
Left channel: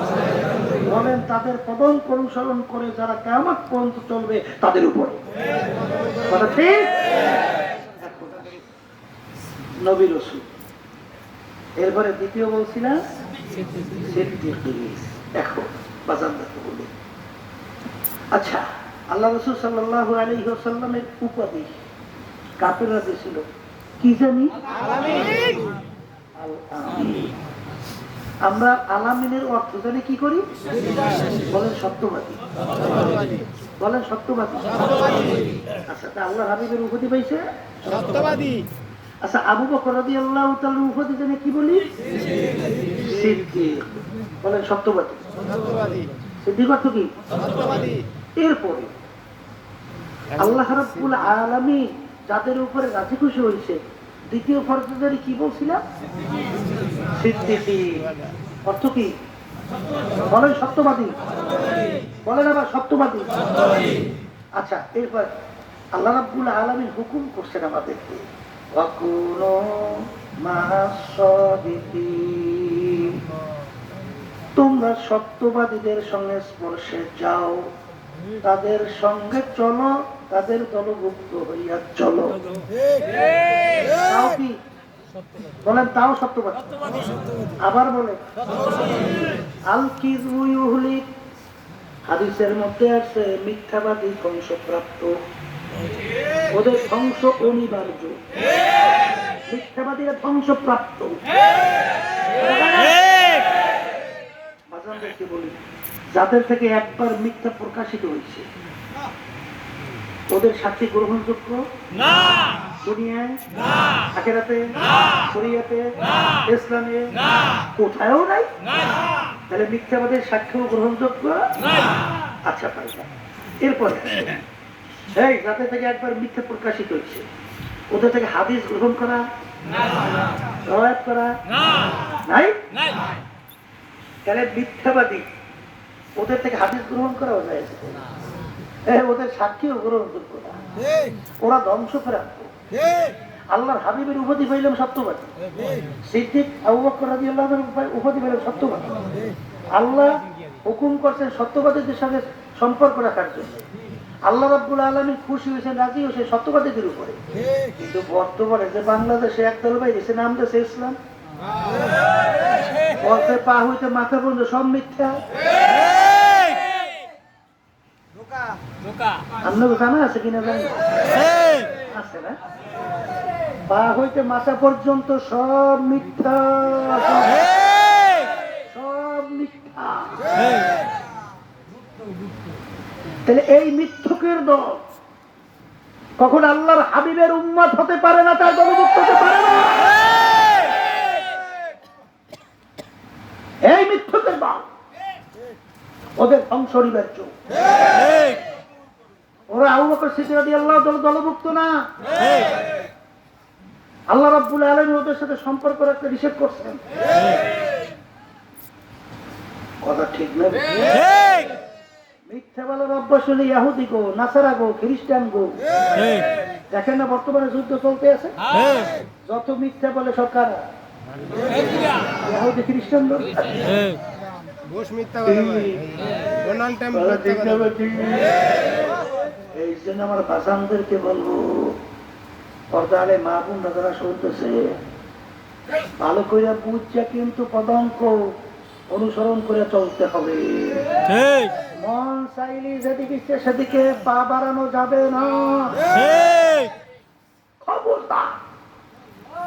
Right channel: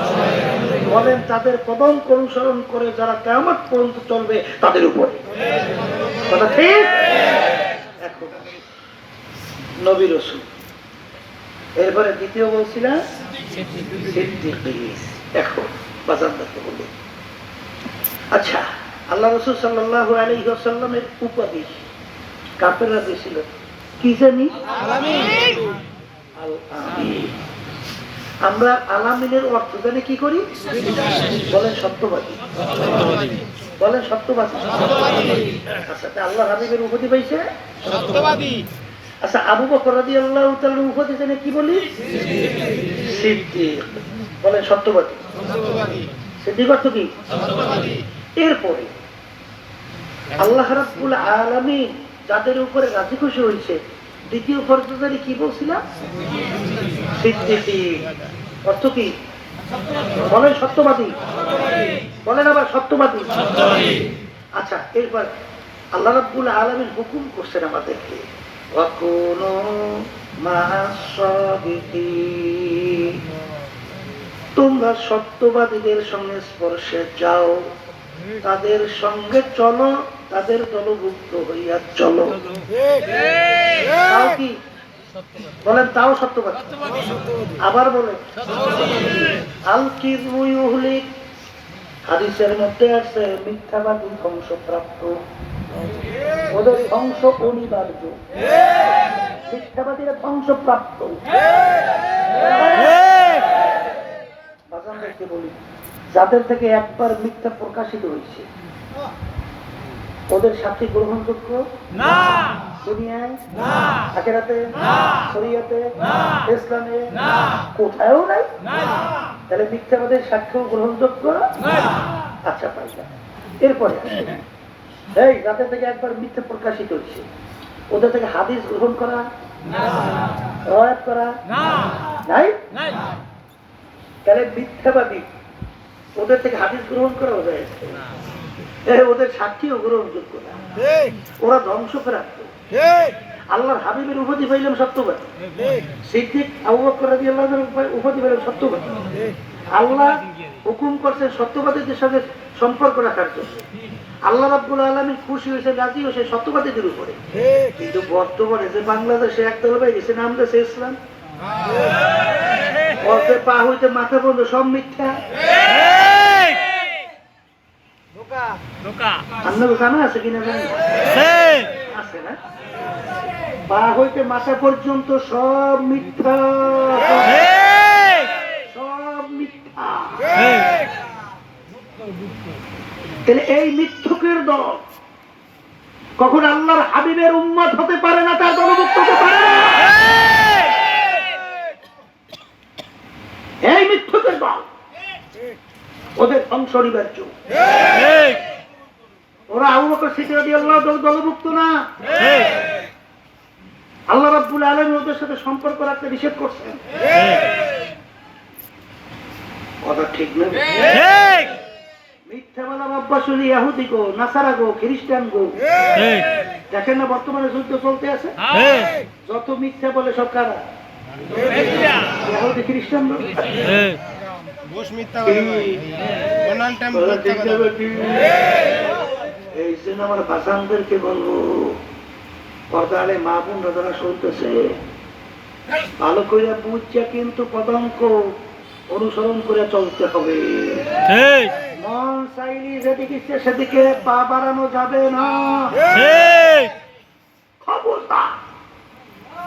বলেন তাদের কদম অনুসরণ করে যারা কিয়ামত পর্যন্ত চলবে তাদের উপরে। কথা ঠিক? এখন নবী রাসূল, এরপরে দ্বিতীয় বলছিলাম সিদ্দিকীন। এখন বাজারদারকে বলি, আচ্ছা আল্লাহ রাসূল সাল্লাল্লাহু আলাইহি ওয়াসাল্লামের উপাধি কাফেররা দিয়েছিল কি জানি? আল-আমিন। আমরা আল-আমিনের অর্থ জানি কি করি? বলেন সত্যবাদী। বলেন সত্যবাদী। আচ্ছা আল্লাহ হাবিবের উপাধি পাইছে সত্যবাদী। আচ্ছা আবু বকর রাদিয়াল্লাহু তাআলা উপাধি জানি কি বলি? সিদ্দিক। বলেন সত্যবাদী। সিদ্দিক অর্থ কি? সত্যবাদী। এরপরে আল্লাহ রাব্বুল আলামিন যাদের উপরে রাজি খুশি হয়েছে দ্বিতীয় ফরজদারি কি বলছিলাম? সিদ্দিকীন। অর্থ কি? বলেন সত্যবাদী। বলেন আবার সত্যবাদী। আচ্ছা এরপর আল্লাহ রাব্বুল আলামিন হুকুম করছেন আমাদেরকে, ওয়াকুনু মা'আস-সাদিকিন। তোমরা সত্যবাদীদের সঙ্গে স্পর্শে যাও, তাদের সঙ্গে চলো, তাদের দলভুক্ত হইয়া চলো। তাও কি বলেন? তাও সত্যবাদী। আবার বলে আল কিযবু ইউহলিক, হাদিসের মধ্যে আছে মিথ্যাবাদী ধ্বংসপ্রাপ্ত, ওদের ধ্বংস অনিবার্য। মিথ্যাবাদীরা ধ্বংসপ্রাপ্ত। বাজানদেরকে বলি, যাদের থেকে একবার মিথ্যা প্রকাশিত হয়েছে ওদের সাথে গ্রহণযোগ্য না, দুনিয়ায় না, আখিরাতে না, শরীয়তে না, ইসলামে না, কোথাও নাই। তাহলে মিথ্যাবাদের সাক্ষ্য গ্রহণযোগ্য না। আচ্ছা পাইবা। এরপরে এই যাদের থেকে একবার মিথ্যা প্রকাশিত হয়েছে ওদের থেকে হাদিস গ্রহণ করা না, রওয়ায়াত করা না, নাই। তাহলে মিথ্যাবাদী ওদের থেকে হাদিস গ্রহণ করা যায় না, ওদের সাক্ষীও গ্রহণযোগ্য না, ওরা ধ্বংস প্রাপ্ত। আল্লাহর হাবিবের উপাধি পাইলাম সত্যবাদী, সিদ্দিক আবু বকর রাদিয়াল্লাহু আনহু উপাধি পাইলাম সত্যবাদী। আল্লাহ হুকুম করছেন সত্যবাদীদের সঙ্গে সম্পর্ক রাখার জন্য। আল্লাহ রাব্বুল আলামিন খুশি হয়েছে, রাজি হয়েছে সত্যবাদীদের উপরে। কিন্তু বর্তমানে যে বাংলাদেশে একদল ভাই গেছে, নাম দিয়েছে ইসলাম, ওতে পা হইতে মাথা পর্যন্ত সব মিথ্যা। আপনার জানা আছে কিনা জানি আছে না? পা হইতে মাথা পর্যন্ত সব মিথ্যা, সব মিথ্যা। তাহলে এই মিথ্যুকের দল কখন আল্লাহর হাবিবের উম্মত হতে পারে না, তার দলভুক্ত হতে পারে না। এই মিথ্যুকের দল ওদের ধ্বংস অনিবার্য। ওরা আবু বকর সিদ্দিক রাদিয়াল্লাহু আনহু দলভুক্ত না। আল্লাহ রাব্বুল আলামিন ওদের সাথে সম্পর্ক রাখতে নিষেধ করছেন। কথা ঠিক না? মিথ্যা বলা অভ্যাস হলে ইহুদি গো, নাসারা গো, খ্রিস্টান গো। দেখেন না বর্তমানে যুদ্ধ চলতে আছে, যত মিথ্যা বলে সরকার ইহুদি খ্রিস্টান গো। এই জন্য আমার বাজানদেরকে বলবো, পর্দালে মা বোন দাদারা শুনতেছে, ভালো করে বুঝছে কিন্তু পদাঙ্ক অনুসরণ করে চলতে হবে। মন চাইলে যেদিকে ইচ্ছে সেদিকে পা বাড়ানো যাবে না। খবরদার।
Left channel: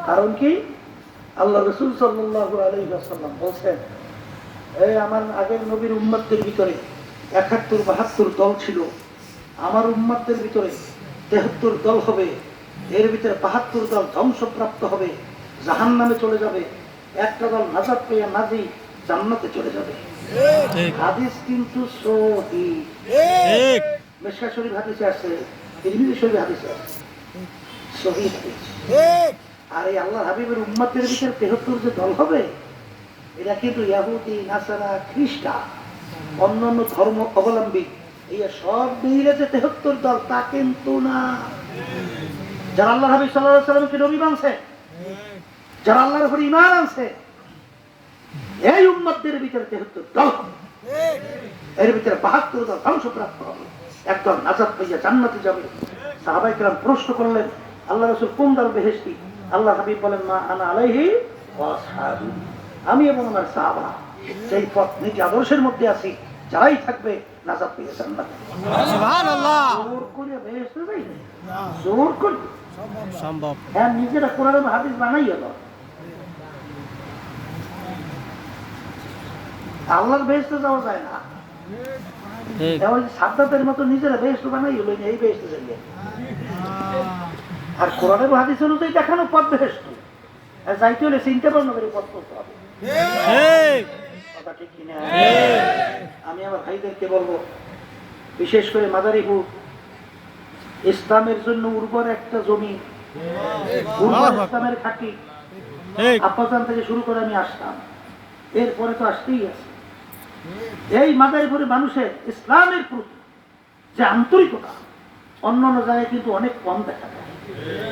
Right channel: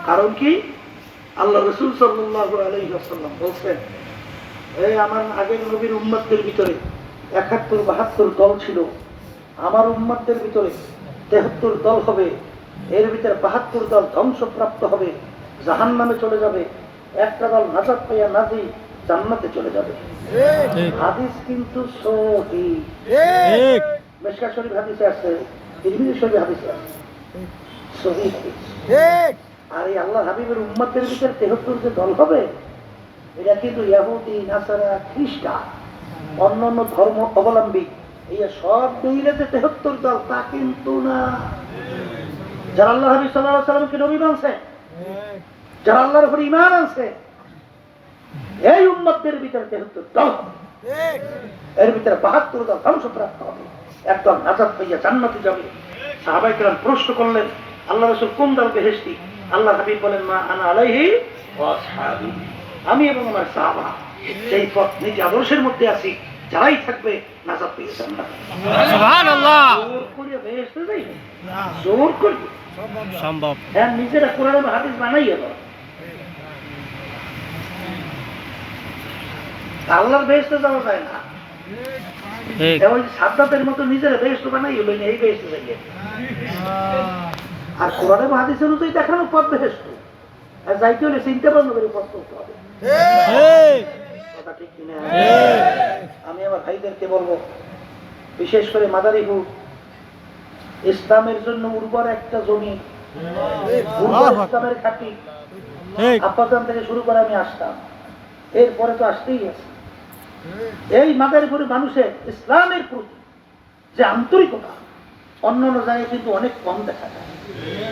কারণ কি আল্লাহ রাসূল সাল্লাল্লাহু আলাইহি ওয়াসাল্লাম বলেন, এই আমার আগের নবীর উম্মতদের ভিতরে ৭১-৭২ দল ছিল, আমার উম্মতদের ভিতরে ৭৩ দল হবে, এর ভিতরে ৭২ দল ধ্বংসপ্রাপ্ত হবে, জাহান্নামে চলে যাবে, একটা দল নাজাত পাইয়া নাজি জান্নাতে চলে যাবে। হাদিস কিন্তু সহিহ, মিশকাত শরীফ হাদিসে আছে, তিরমিজি শরীফ হাদিসে আছে, সহিহ হাদিস। আর এই আল্লাহর হাবিবের উম্মতের ভিতরে ৭৩ যে দল হবে, এরা কিন্তু ইহুদি, নাসারা, খ্রিস্টান, অন্যান্য ধর্ম অবলম্বী, এই সব মিলে যে ৭৩ দল তা কিন্তু না। যারা আল্লাহ হাবিব সাল্লাল্লাহু আলাইহি ওয়াসাল্লামকে নবী মানছে, যারা আল্লাহর উপর ঈমান আনছে, এই উম্মতদের ভিতরে ৭৩ দল, এর ভিতরে ৭২ দল ধ্বংসপ্রাপ্ত হবে, একদল নাজাত পাইয়া জান্নাতে যাবে। সাহাবায়ে কেরাম প্রশ্ন করলেন, আল্লাহ রাসূল কোন দল বেহেশতি? আল্লাহ হাবিব বলেন, মা আনা আলাইহি ওয়া আসহাবি, আমি এবং আমার সাহাবা সেই পথ নিজ আদর্শের মধ্যে আছি, যারাই থাকবে নাজাত পেয়ে জান্নাতে। সুবহানাল্লাহ। জোর করে বেহেশতে যাই না, জোর করবে সম্ভব না, নিজেরা কোরআন এবং হাদিস বানাইয়া দাও। আল্লাহর বেহেশতে যাওয়া যায় না, ওই সাদ্দাতের মতো নিজেরা বেহেশত বানাই হলো এই বেহেশতে যাইয়ে। আর কোরআন এবং হাদিস অনুযায়ী দেখানো পথ বেহেশত, আর যাইতে হলে চিন্তা ভাবনা করে পথ করতে হবে। ঠিক কিনা? আমি আমার ভাইদেরকে বলবো, বিশেষ করে মাদারী হোক, ইসলামের জন্য উর্বর একটা জমি, ইসলামের খাঁটি, আব্বাজান থেকে শুরু করে আমি আসতাম, এরপরে তো আসতেই আছে। এই মাদারীপুরের মানুষের ইসলামের প্রতি যে আন্তরিকতা, অন্যান্য জায়গায় কিন্তু অনেক কম দেখা যায়।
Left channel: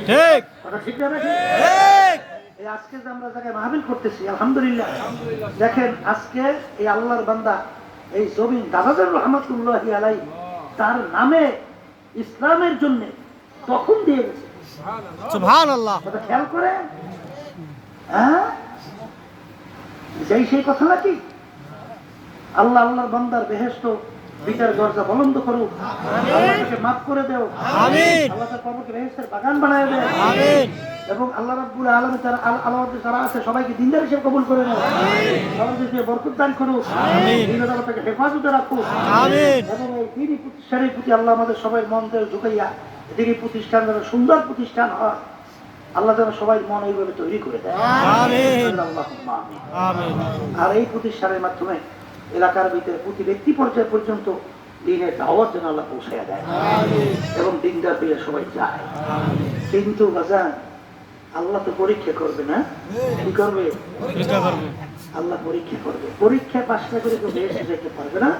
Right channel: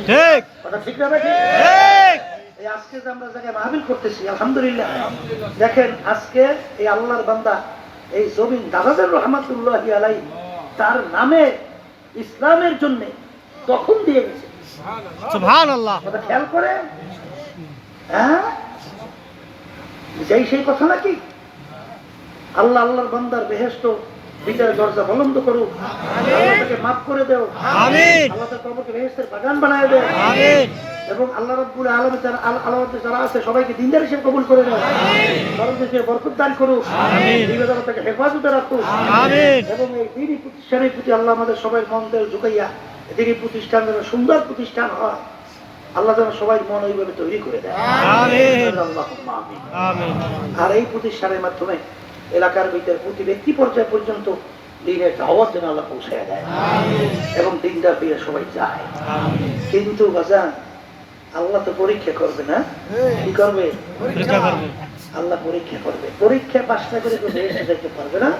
ঠিক কথা ঠিক না নাকি? ঠিক এই আজকে যে আমরা জায়গায় মাহফিল করতেছি আলহামদুলিল্লাহ, দেখেন আজকে এই আল্লাহর বান্দা এই জমিন দাদাজার রহমাতুল্লাহ আলাই তার নামে ইসলামের জন্য তখন দিয়ে গেছে। সুবহানাল্লাহ কথা খেয়াল করে, হ্যাঁ সেই কথা নাকি? আল্লাহ আল্লাহর বান্দার বেহেশত বিচার দরজা বলন্দ করুক, আল্লাহকে মাফ করে দেও, আমিন আল্লাহ তার কবরকে বেহেশতের বাগান বানায় দেয়, আমিন এবং আল্লাহ রাব্বুল আলামিন আল্লাহর যারা আছে সবাইকে দিনদার হিসেবে কবুল করে নেয়, আমাদেরকে বরকত দান করুক, আমিন। বিপদকে হেফাজতে রাখুক, আমিন এবং এই দিনই প্রতিষ্ঠানের প্রতি আল্লাহ আমাদের সবাই মনদের ঝুঁকাইয়া দিনই প্রতিষ্ঠান যেন সুন্দর প্রতিষ্ঠান হয়, আল্লাহ যেন সবাই মন ওইভাবে তৈরি করে দেয়। আমিন আল্লাহুম্মা আমিন। আমিন আর এই প্রতিষ্ঠানের মাধ্যমে এলাকার ভিতরে প্রতি ব্যক্তি পর্যায় পর্যন্ত দিনের দাওয়াত যেন আল্লাহ পৌঁছায় দেয় এবং দিনটা পেয়ে সবাই যায়। কিন্তু বাজান আল্লাহ তো পরীক্ষা করবে না, কি করবে? পরীক্ষা করব আল্লাহ পরীক্ষা করবে। পরীক্ষা পাস না করে তো বেহেশতে যেতে পারবে না।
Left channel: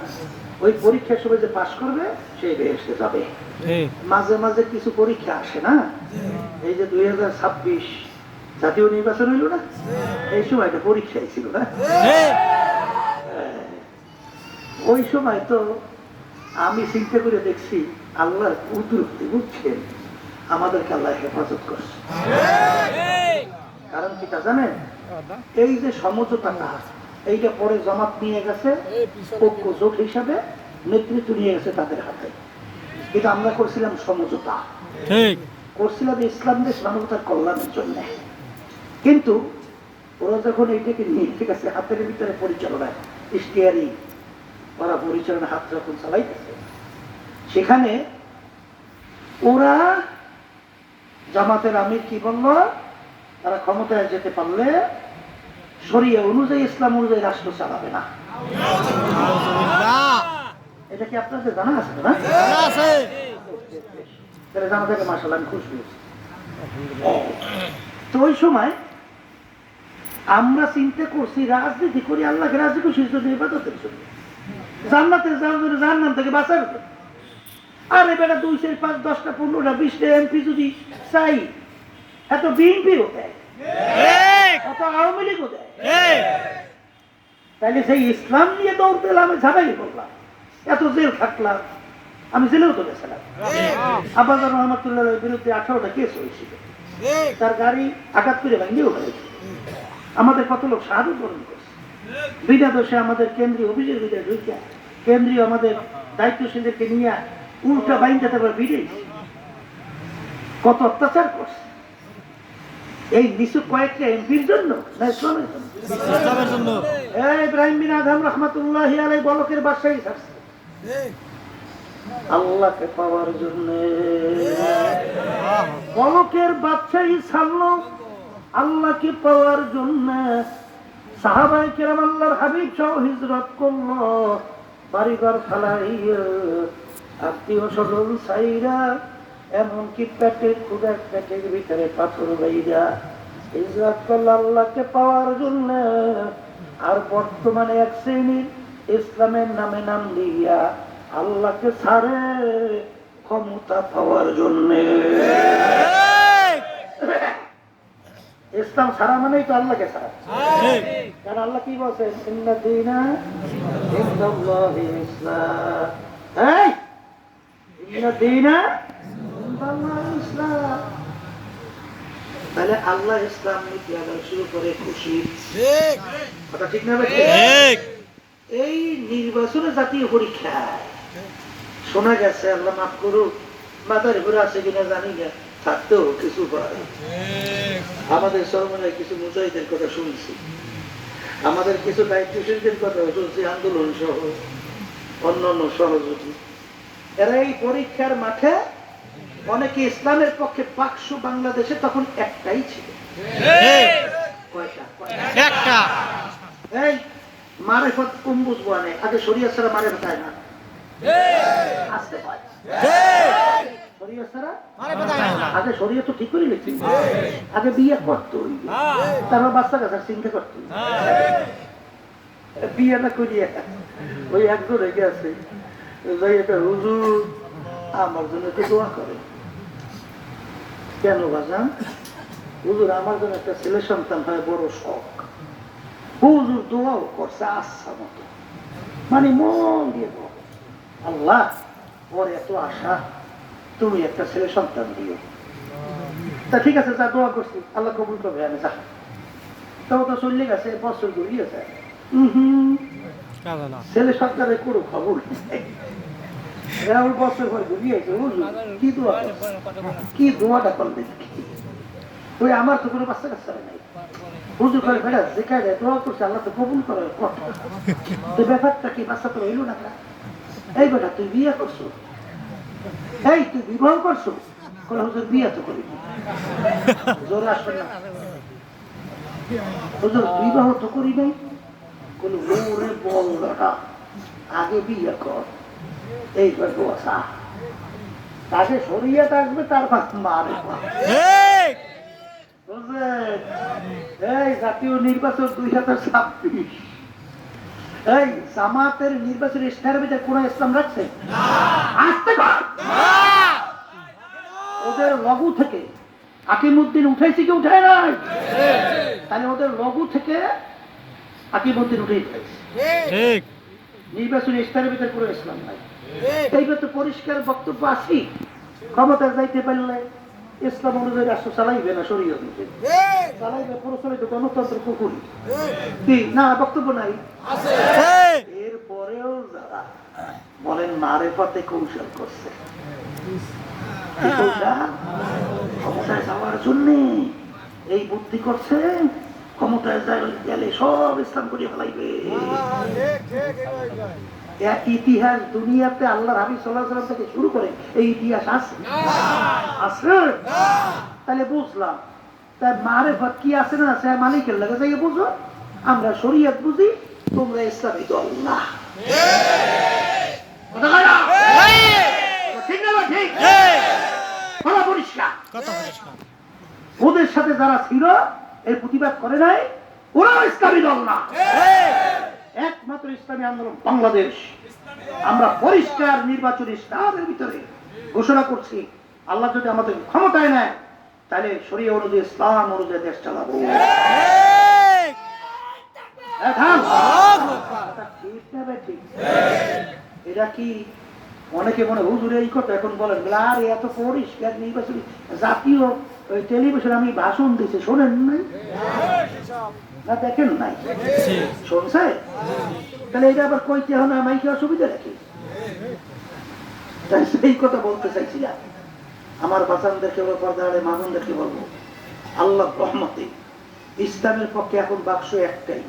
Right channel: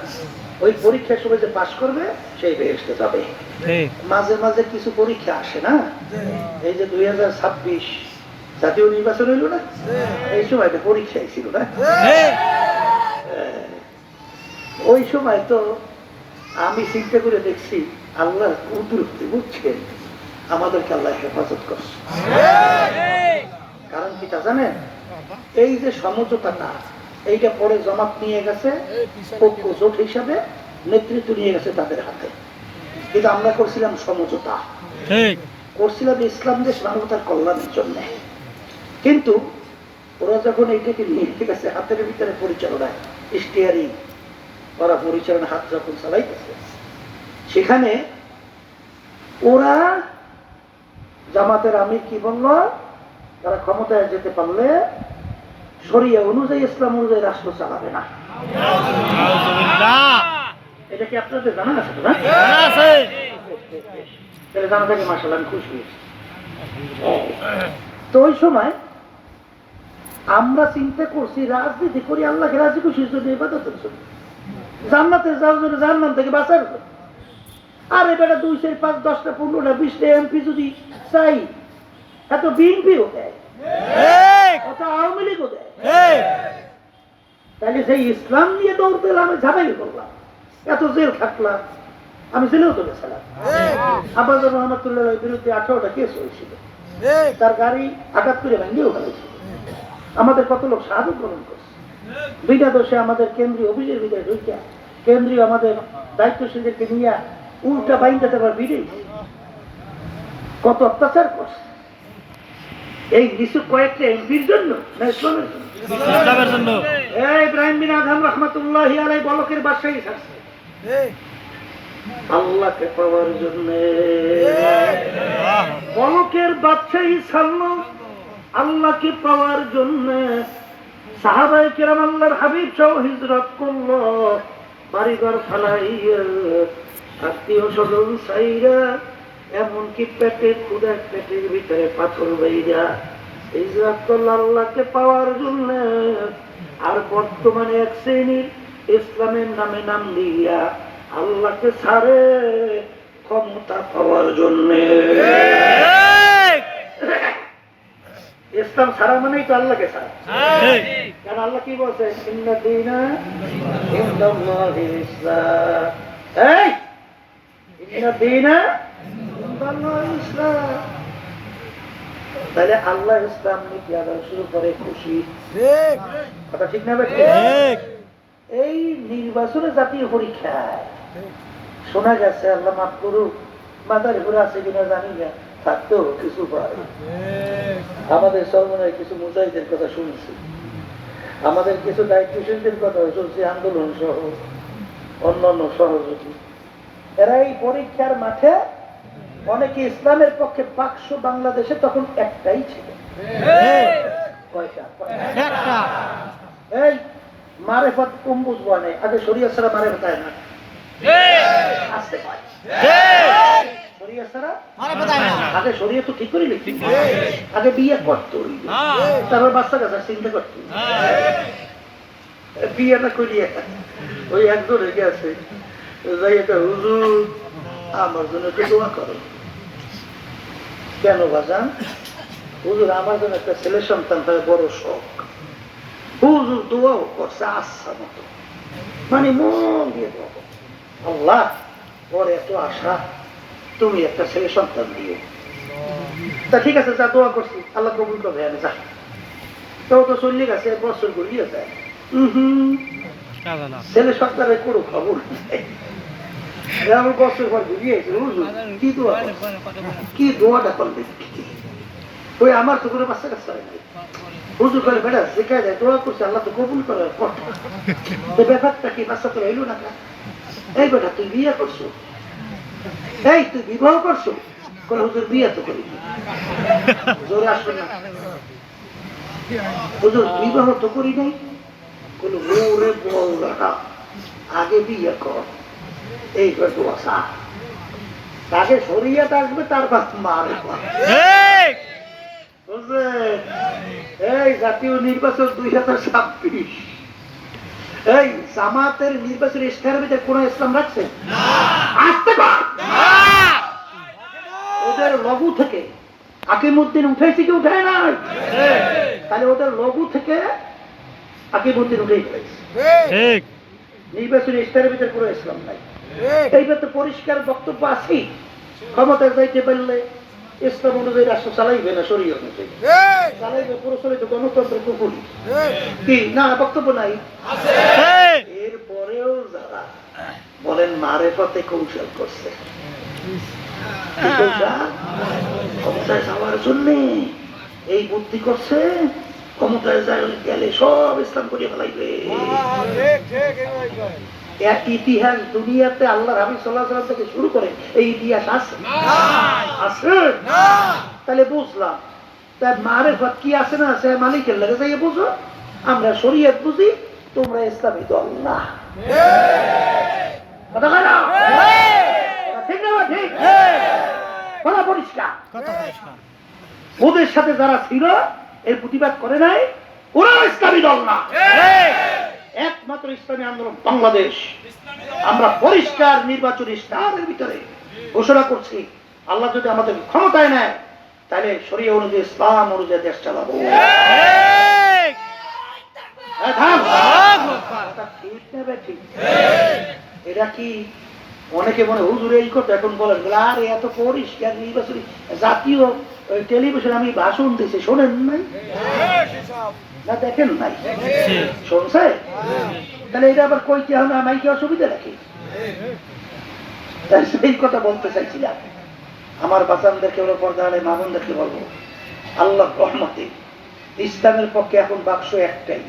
ওই পরীক্ষার সময় যে পাস করবে সেই বেহেশতে যাবে। ঠিক মাঝে মাঝে কিছু পরীক্ষা আসে না, এই যে 2026 জাতীয় নির্বাচন হইল না, এই সময় তো পরীক্ষা ছিল না। ঠিক ওই সময় তো আমি চিন্তা করে দেখছি আল্লাহর কুদরত, বুঝছেন, আমাদেরকে আল্লাহ হেফাজত করছে। কারণ কি তা জানেন? এই যে সমঝোতাটা, এইটা পরে জমাত নিয়ে গেছে ঐক্য জোট হিসাবে, নেতৃত্ব নিয়ে গেছে তাদের হাতে, কিন্তু আমরা করছিলাম সমঝোতা, ঠিক করছিলাম ইসলাম দেশ মানবতার কল্যাণের জন্য। কিন্তু ওরা যখন এইটাকে নিয়ে গেছে হাতের ভিতরে পরিচালনা, স্টিয়ারিং, ওরা পরিচালনা হাত যখন চালাইতেছে, সেখানে ওরা জামাতের আমির কি বলল, তারা ক্ষমতায় যেতে পারলে শরিয়া অনুযায়ী, ইসলাম অনুযায়ী রাষ্ট্র চালাবে না। আউযুবিল্লাহ এটা কি আপনাদের জানা আছে তো? না জানা আছে তাহলে জানা থাকে, মাশাআল্লাহ, আমি খুশি হয়েছি। তো ওই সময় আমরা চিন্তা করছি রাজনীতি করি আল্লাহকে রাজি খুশির জন্য, ইবাদতের জন্য, জান্নাতে যাওয়ার জন্য, জাহান্নাম থেকে বাঁচার জন্য। আর এবারে 2, 4, 5, 10টা 15টা 20টা এমপি যদি চাই, এত বিএনপিও দেয়, ঠিক এত আওয়ামী লীগও দেয়, ঠিক তাইলে সেই ইসলাম নিয়ে দৌড় দিলাম, আমি ঝামেলি করলাম, এত জেল খাটলাম, আমি জেলেও তো গেছিলাম। আব্বাস রহমতুল্লাহর বিরুদ্ধে 18টা কেস হয়েছিল, তার গাড়ি আঘাত করে ভেঙেও ফেলেছিল, আমাদের কত লোক শাহাদত বরণ করছে, বিনা দোষে আমাদের কেন্দ্রীয় অভিযোগের ভিতরে ঢুকিয়া, কেন্দ্রীয় আমাদের দায়িত্বশীলদেরকে নিয়ে উল্টা বাইনটা তারপর বিড়ে কত অত্যাচার করছে এই কিছু কয়েকটা এমপির জন্য না ইসলামের জন্য? ইসলামের জন্য এই ইব্রাহিম বিন আদম রহমাতুল্লাহি আলাইহি বলকের বাদশাহী ছাড়ছে আল্লাহকে পাওয়ার জন্য। বলকের বাদশাহী ছাড়লো আল্লাহকে পাওয়ার জন্য। সাহাবায়ে কেরাম আল্লাহর হাবিব সহ হিজরত করলো, বাড়িঘর ফালাইয়া, আত্মীয় স্বজন ছাইরা, এমনকি পেটের ক্ষুধার পেটের ভিতরে পাথর বাইরা হিজরত করলো আল্লাহকে পাওয়ার জন্য। আর বর্তমানে এক শ্রেণীর ইসলামের নামে নাম দিয়া আল্লাহকে ছাড়ে ক্ষমতা পাওয়ার জন্য। ইসলাম ছাড়া মানেই তো আল্লাহকে ছাড়া। কারণ আল্লাহ কি বলছেন? ইন্না দীনা ইনদাল্লাহিল ইসলাম। এই ইন্না দীনা ইনদাল্লাহিল ইসলাম। তাহলে আল্লাহ ইসলাম নীতি আদায় শুরু করে খুশি, কথা ঠিক না? ঠিক এই নির্বাচনে জাতীয় পরীক্ষায় শোনা গেছে, আল্লাহ মাফ করুক, মাথার উপরে আছে কিনা জানি না, থাকতেও কিছু আমাদের সরমনের কিছু মুজাহিদের কথা শুনছি, আমাদের কিছু দায়িত্বশীলদের কথা শুনছি, আন্দোলন সহ অন্যান্য সহযোগী, এরা এই পরীক্ষার মাঠে অনেকে ইসলামের পক্ষে বাক্স বাংলাদেশে তখন একটাই ছিল। কয়টা? একটা এই মারেফত কুম্বুজ বনে আগে শরিয়া ছাড়া মারেফত হয় না, আসতে হয় শরিয়া ছাড়া। আগে শরিয়া তো ঠিক করে লিখি, আগে বিয়ে করতো, তারপর বাচ্চা কাচ্চা চিন্তা করতো, বিয়েটা করিয়া ওই একজন রেগে আছে, যাই একটা হুজুর আমার জন্য একটু দোয়া করে। কেন বাজান? হুজুর আমার জন্য একটা ছেলে সন্তান হয় বড় শখ। হুজুর দোয়াও করছে আচ্ছা মতো, মানে মন দিয়ে দোয়া করছে, আল্লাহ ওর এত আশা, তুমি একটা ছেলে সন্তান দিও। তা ঠিক আছে, যা দোয়া করছি, আল্লাহ কবুল করবে। আমি যা তো তো চল্লি গেছে, বছর গড়িয়ে যায়, ছেলে সন্তানের কোনো খবর নেই। আমার বছর পর ঘুরিয়ে কি দোয়াটা করবে? ওই আমার তো কোনো বাচ্চা কাচ্চা হয় নাই। হুজুর করে বেড়া যেখানে যায় দোয়া করছে, আল্লাহ তো কবুল করে কথা। তো ব্যাপারটা কি, বাচ্চা তো এলো না? এই বেটা তুই বিয়ে করছো, এই তুই বিবাহ করছো? হুজুর বিয়ে তো করি, জোরে আসবে না। হুজুর বিবাহ তো করি নাই। কোনো ওরে বল বেটা, আগে বিয়ে কর, এই দোয়া তাকে শরীয়ত আসবে, তারপর মারে। এই জাতীয় নির্বাচন 2026, এই জামাতের নির্বাচন ইশতেহারের ভিতরে কোন ইসলাম রাখছে? ওদের লঘু থেকে আকিমউদ্দিন উঠেছে কি উঠায় নাই? তাহলে ওদের লঘু থেকে আকিমউদ্দিন উঠেই ফেলেছে। নির্বাচনী ইশতেহারের ভিতরে কোনো ইসলাম নাই। এইবার তো পরিষ্কার বক্তব্য আছে, ক্ষমতায় যাইতে পারলে ইসলাম অনুযায়ী রাষ্ট্র চালাইবে না, শরীয়ত অনুযায়ী চালাইবে, প্রচলিত গণতন্ত্রের কুকুরি কি না? বক্তব্য নাই। এরপরেও যারা বলেন মারেফতে কৌশল করছে, ক্ষমতায় যাওয়ার জন্য এই বুদ্ধি করছে, ক্ষমতায় গেলে সব ইসলাম করিয়ে ফেলাইবে। এক ইতিহাস দুনিয়াতে আল্লাহ হাবিব সাল্লাল্লাহু আলাইহি ওয়াসাল্লাম থেকে শুরু করে এই ইতিহাস আছে? আছে। তাহলে বুঝলাম, তার মারেফত কি আছে না আছে মালিকের লাগে যাই বুঝো। আমরা শরীয়ত বুঝি, তোমরা ইসলামী দল না। কথা কয় না? ঠিক না? ঠিক কথা পরিষ্কার। ওদের সাথে যারা ছিল এর প্রতিবাদ করে নাই, ওরা ইসলামী দল না। একমাত্র ইসলামী আন্দোলন বাংলাদেশ। আমরা পরিষ্কার নির্বাচনী ইশতেহারের ভিতরে ঘোষণা করছি, আল্লাহ যদি আমাদের ক্ষমতায় নেয়, তাহলে শরীয়ত অনুযায়ী ইসলাম অনুযায়ী দেশ চালাবো। এটা কি অনেকে মনে হুজুর এই কথা এখন বলেন, আর এত পরিষ্কার নির্বাচনী জাতীয় টেলিভিশন আমি ভাষণ দিচ্ছি, শোনেন নাই না? দেখেন নাই? শুনছে? তাহলে এটা আবার কইতে হবে আমাকে অসুবিধা রাখি? সেই কথা বলতে চাইছিলাম। আমার বাচ্চাদেরকে বলবো, পর্দারে মানুষদেরকে বলবো, আল্লাহ রহমতে ইসলামের পক্ষে এখন বাক্স একটাই।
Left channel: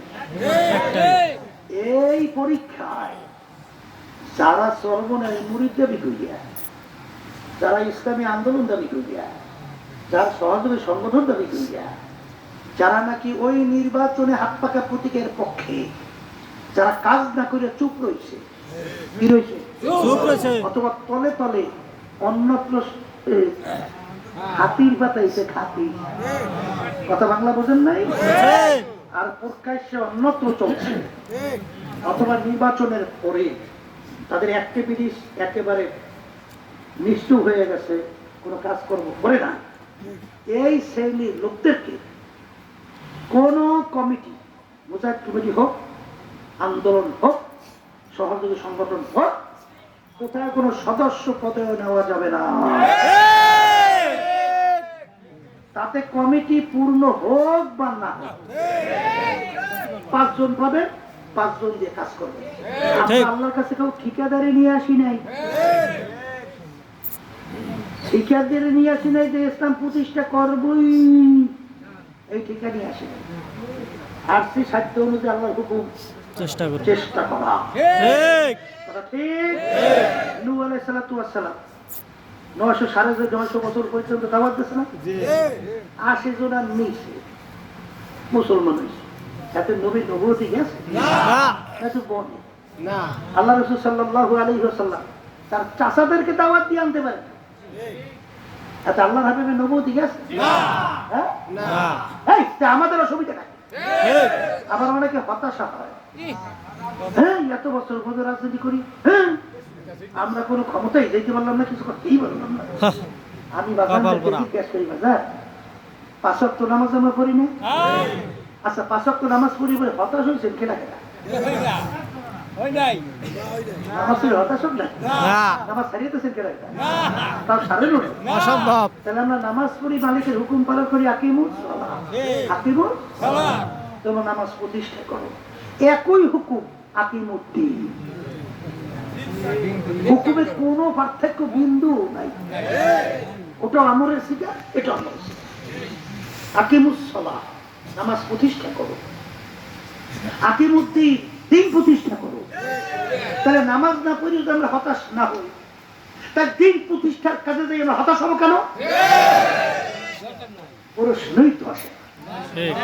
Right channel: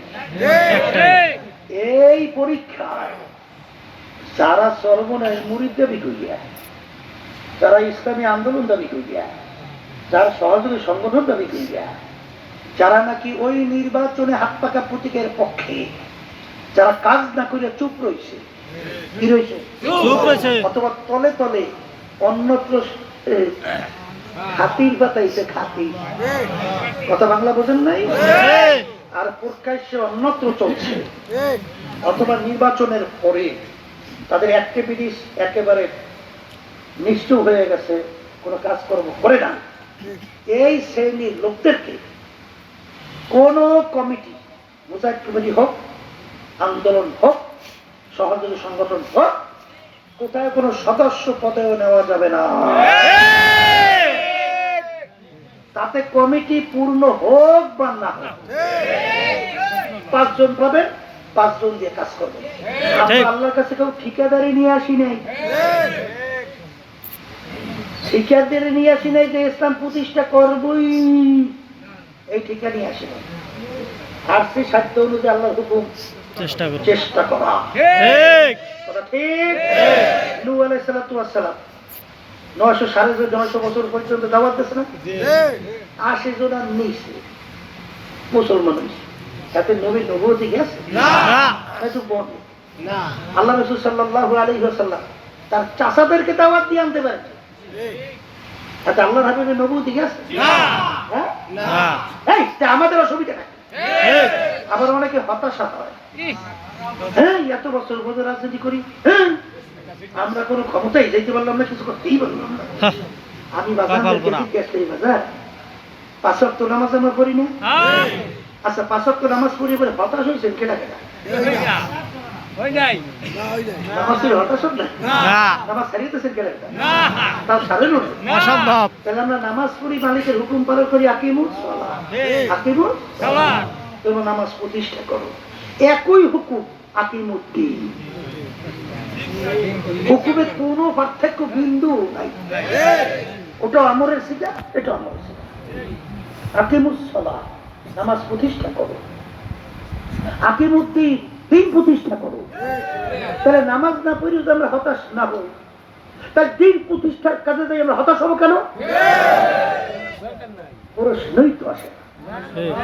এই পরীক্ষায় যারা সর্বনের মুরিদ দাবি করিয়া, যারা ইসলামী আন্দোলন দাবি করিয়া, যারা সহযোগী সংগঠন দাবি করিয়া, যারা নাকি ওই নির্বাচনে হাত পাকা প্রতীকের পক্ষে, যারা কাজ না করিয়া চুপ রয়েছে, কি রয়েছে? অথবা তলে তলে অন্যত্র খাতির বাতাইছে, খাতির কথা বাংলা বোঝেন নাই, আর প্রকাশ্যে অন্যত্র চলছে। অথবা নির্বাচনের পরে তাদের অ্যাক্টিভিটিস একেবারে নিষ্ঠুর হয়ে গেছে, কোনো কাজকর্ম করে না। এই শ্রেণীর লোকদেরকে কোন কমিটি, মুজাহিদ কমিটি হোক, আন্দোলন হোক, সহযোগী সংগঠন হোক, কোথায় কোনো সদস্য পদেও নেওয়া যাবে না। তাতে কমিটি পূর্ণ হোক বা না হোক, 5 জন পাবেন, 5 জন দিয়ে কাজ করবেন। আল্লাহর কাছে কেউ ঠিকাদারি নিয়ে আসি নাই, ঠিকাদারি নিয়ে আসি নাই যে ইসলাম প্রতিষ্ঠা করবই, এই ঠিকা নিয়ে আসি নাই। আর সেই সাধ্য অনুযায়ী আল্লাহর হুকুম চেষ্টা করা। ঠিক? নূহ আলাইহিস সালাতু ওয়াস সালাম 900 বছর পর্যন্ত দাওয়াত দিয়েছে না? 80 জন আর নিছে মুসলমান হয়েছে। এতে নবী নবুয়তি গেছে না? আল্লাহ রাসূল সাল্লাল্লাহু আলাইহি ওয়াসাল্লাম তার চাচাদেরকে দাওয়াত দিয়ে আনতে পারেন। এতে আল্লাহর হাবিবের নবুয়তি গেছে না? এই আমাদের অসুবিধা নাই। আবার অনেকে হতাশা হয়, এত বছর ধরে রাজনীতি করি, আমরা কোনো ক্ষমতাই যেতে পারলাম না, কিছু করতেই পারলাম না। হ্যাঁ, আমি কপাল পোড়া। বাজার 5 ওয়াক্ত নামাজ আমরা পড়ি না। আচ্ছা 5 ওয়াক্ত নামাজ পড়ি বলে হতাশ হয়েছেন কেনা কেনা? নামাজ পড়ে হতাশ হন না? না, নামাজ ছাড়িয়েছেন কেনা কেনা? তাও ছাড়েন না। অসম্ভব। তাহলে আমরা নামাজ পড়ি, মালিকের হুকুম পালন করি, আকিমুস তোমরা নামাজ প্রতিষ্ঠা করো। একই হুকুম আকিমুদ্দিন, হুকুমের কোনো পার্থক্য বিন্দু নাই। ওটা আমরের সিগা, এটা আমরের সিগা। আকিমুস সালাহ, নামাজ প্রতিষ্ঠা করো। আকিমুদ্দিন, দিন প্রতিষ্ঠা করো। তাহলে নামাজ না পড়ি যদি আমরা হতাশ না হই, তাই দিন প্রতিষ্ঠার কাজে যাই আমরা হতাশ হবো কেন? প্রশ্নই তো আসে না। ঠিক।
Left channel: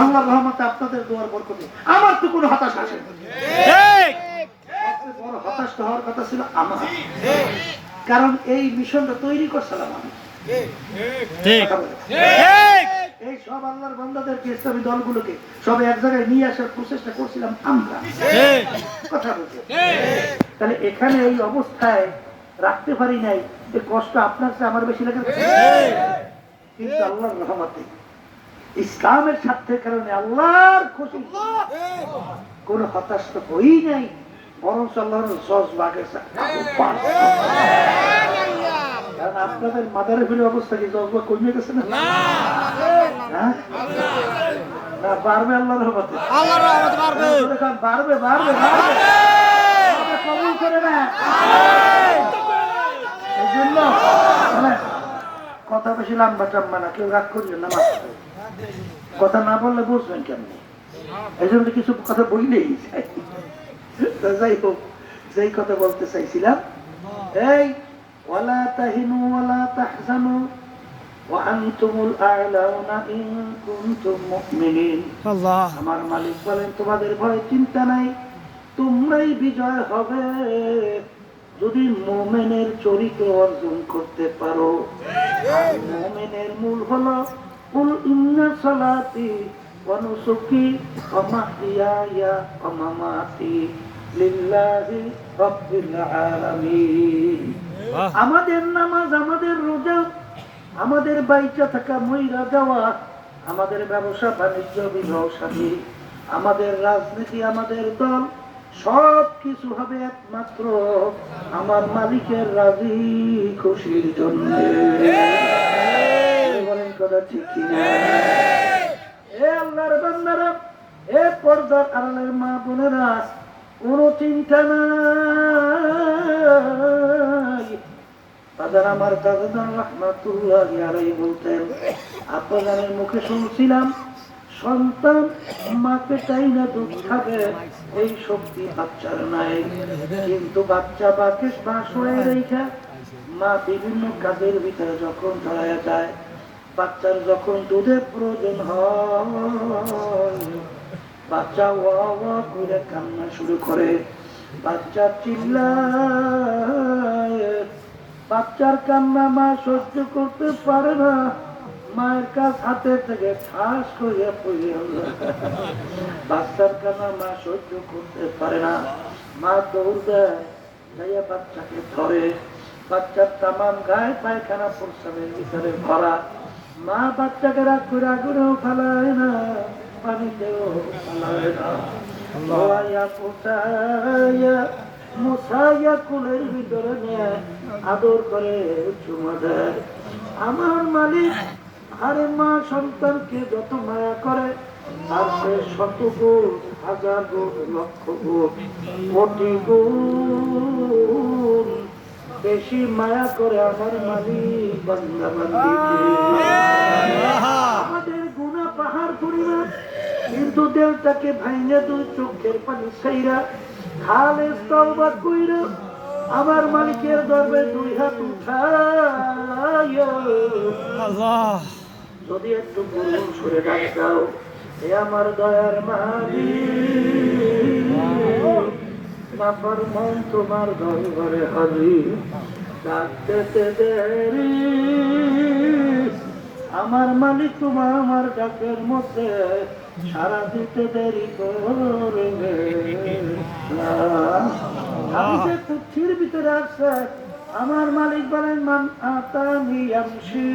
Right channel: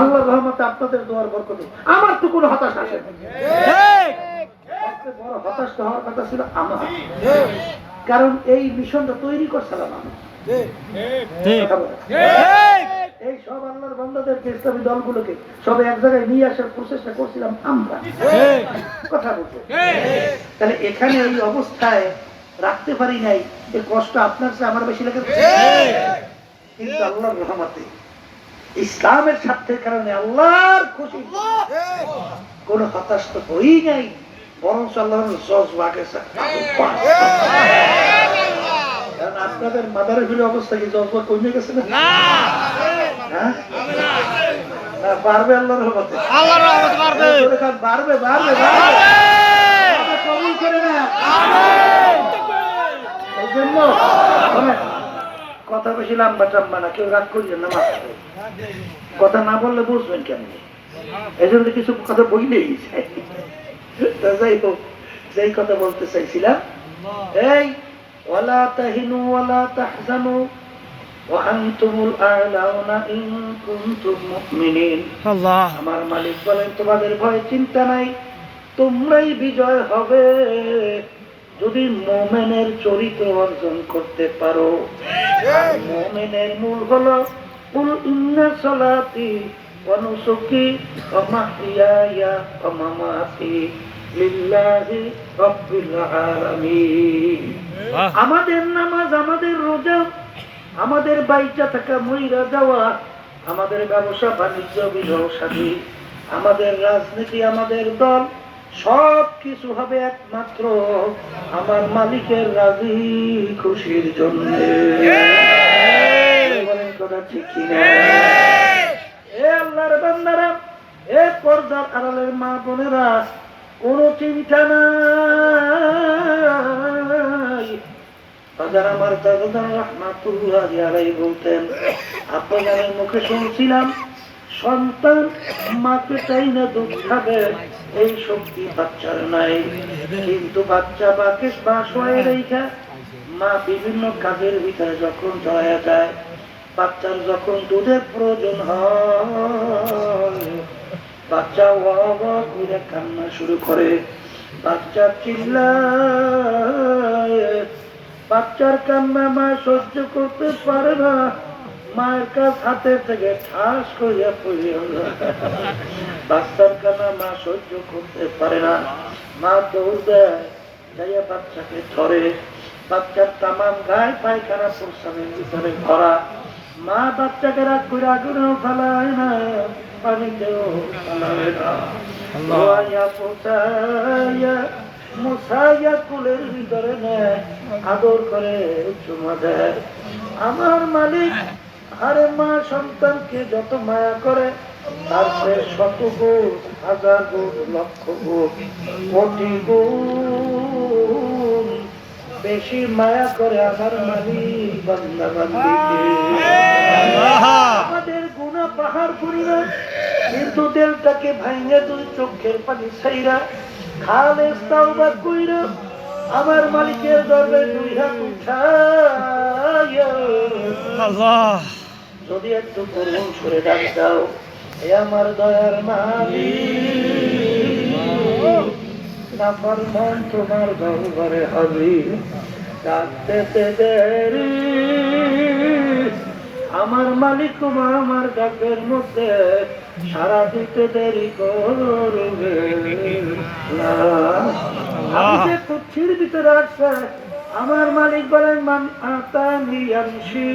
আল্লাহর রহমতে আপনাদের দোয়ার বরকতে আমার তো কোনো হতাশ আসে না। ঠিক। সবচেয়ে বড় হতাশ হওয়ার কথা ছিল আমার, কারণ এই মিশনটা তৈরি করছিলাম আমি। ঠিক। ঠিক। এই সব আল্লাহর বান্দাদেরকে, ইসলামী দলগুলোকে সব এক জায়গায় নিয়ে আসার প্রচেষ্টা করছিলাম আমরা। ঠিক। কথা বলছো, তাহলে এখানে এই অবস্থায় রাখতে পারি নাই, এই কষ্ট আপনার চেয়ে আমার বেশি লেগেছে। কিন্তু আল্লাহর রহমতে ইসলামের স্বার্থের কারণে আল্লাহর খুশি কোন হতাশ তো হই নাই, বরং আল্লাহর জজবা গেছে। কারণ আপনাদের মাদারের ফিরে অবস্থা কি জজবা কমে গেছে না? হ্যাঁ? না, বাড়বে আল্লাহর রহমতে। আল্লাহর রহমত বাড়বে। বাড়বে, বাড়বে, বাড়বে। কবুল করে না। এই জন্য কথা বেশি লম্বা চাম্বা না, কেউ রাগ করলেন না, মাত্র কথা না বললে বুঝবেন কেন? এই জন্য কিছু কথা বললেই যায়। যাই হোক, যেই কথা বলতে চাইছিলাম, এই ওয়ালা তাহিনু ওয়ালা তাহজানু ওয়া আনতুমুল আ'লাউনা ইন কুনতুম মুমিনিন। আল্লাহ। আমার মালিক বলেন তোমাদের ভয় চিন্তা নাই, তোমরাই বিজয় হবে যদি মুমিনের চরিত্র অর্জন করতে পারো। আর মুমিনের মূল হলো কুল ইন্না সালাতি ওয়া নুসুকি ওয়া মাহইয়ায়া ওয়া মামাতি লিল্লাহি রাব্বিল আলামিন। আমাদের নামাজ, আমাদের রোজা, আমাদের বাইচা থাকা, মইরা যাওয়া, আমাদের ব্যবসা বাণিজ্য, বিবাহ শাদী, আমাদের রাজনীতি, আমাদের দল, সব কিছু হবে একমাত্র আমার মালিকের রাজি খুশির জন্য। বলেন কথা ঠিক কিনা? এ আল্লাহর বান্দারা, এ পর্দার আড়ালের মা বোনেরা, কোনো চিন্তা নাই। হাজার আমার দাদা রহমাতুল্লাহি আলাইহি বলতেন, আপনাদের মুখে শুনছিলাম সন্তান মাকে চাই না দুধ খাবে, এই শক্তি বাচ্চার নাই। কিন্তু বাচ্চা বাকে বাস হয়ে রেখে মা বিভিন্ন কাজের ভিতরে যখন জড়ায়া যায়, বাচ্চার যখন দুধের প্রয়োজন হয়, বাচ্চা ওয়া ওয়া করে কান্না শুরু করে, বাচ্চা চিল্লায়, বাচ্চার কান্না মা সহ্য করতে পারে না, মায়ের কাছ হাতে থেকে ঠাস করিয়া পড়িয়া যায়। বাচ্চার কান্না মা সহ্য করতে পারে না, মা দৌড় দেয়, যাইয়া বাচ্চাকে ধরে, বাচ্চার তামাম গায়ে পায়খানা প্রস্রাবের ভিতরে ভরা, মা বাচ্চাকে রাগ করে আগুনেও ফালায় না, পানিতেও ফালায় না, ধোয়াইয়া পোছাইয়া মশাইয়া কুলের ভিতরে নেয়, আদর করে চুমা দেয়। আমার মালিক আরে মা সন্তানকে যত মায়া করে, তার সে শত গুণ, হাজার গুণ, লক্ষ গুণ, কোটি গুণ বেশি মায়া করে আমার মালিক বান্দা বান্দিকে। আমাদের গুনাহ পাহাড় পরিমাণ, কিন্তু দেলটাকে ভাঙে দুই চোখের পানি ছাইরা খালেস তাওবা কইরা আমার মালিকের দরবারে দুই হাত উঠাইয়া আল্লাহ। যদি একটু করুণ সুরে ডাক দাও, এ আমার দয়ার মালিক, নাফরমান তোমার দরবারে হাজির, ডাকতে দেরি আমার মালিক আমার ডাকের মধ্যে সারা দিতে দেরি করবে না। আমি যে কুঠির ভিতরে আছে, আমার মালিক বলেন মান আতানি আমশি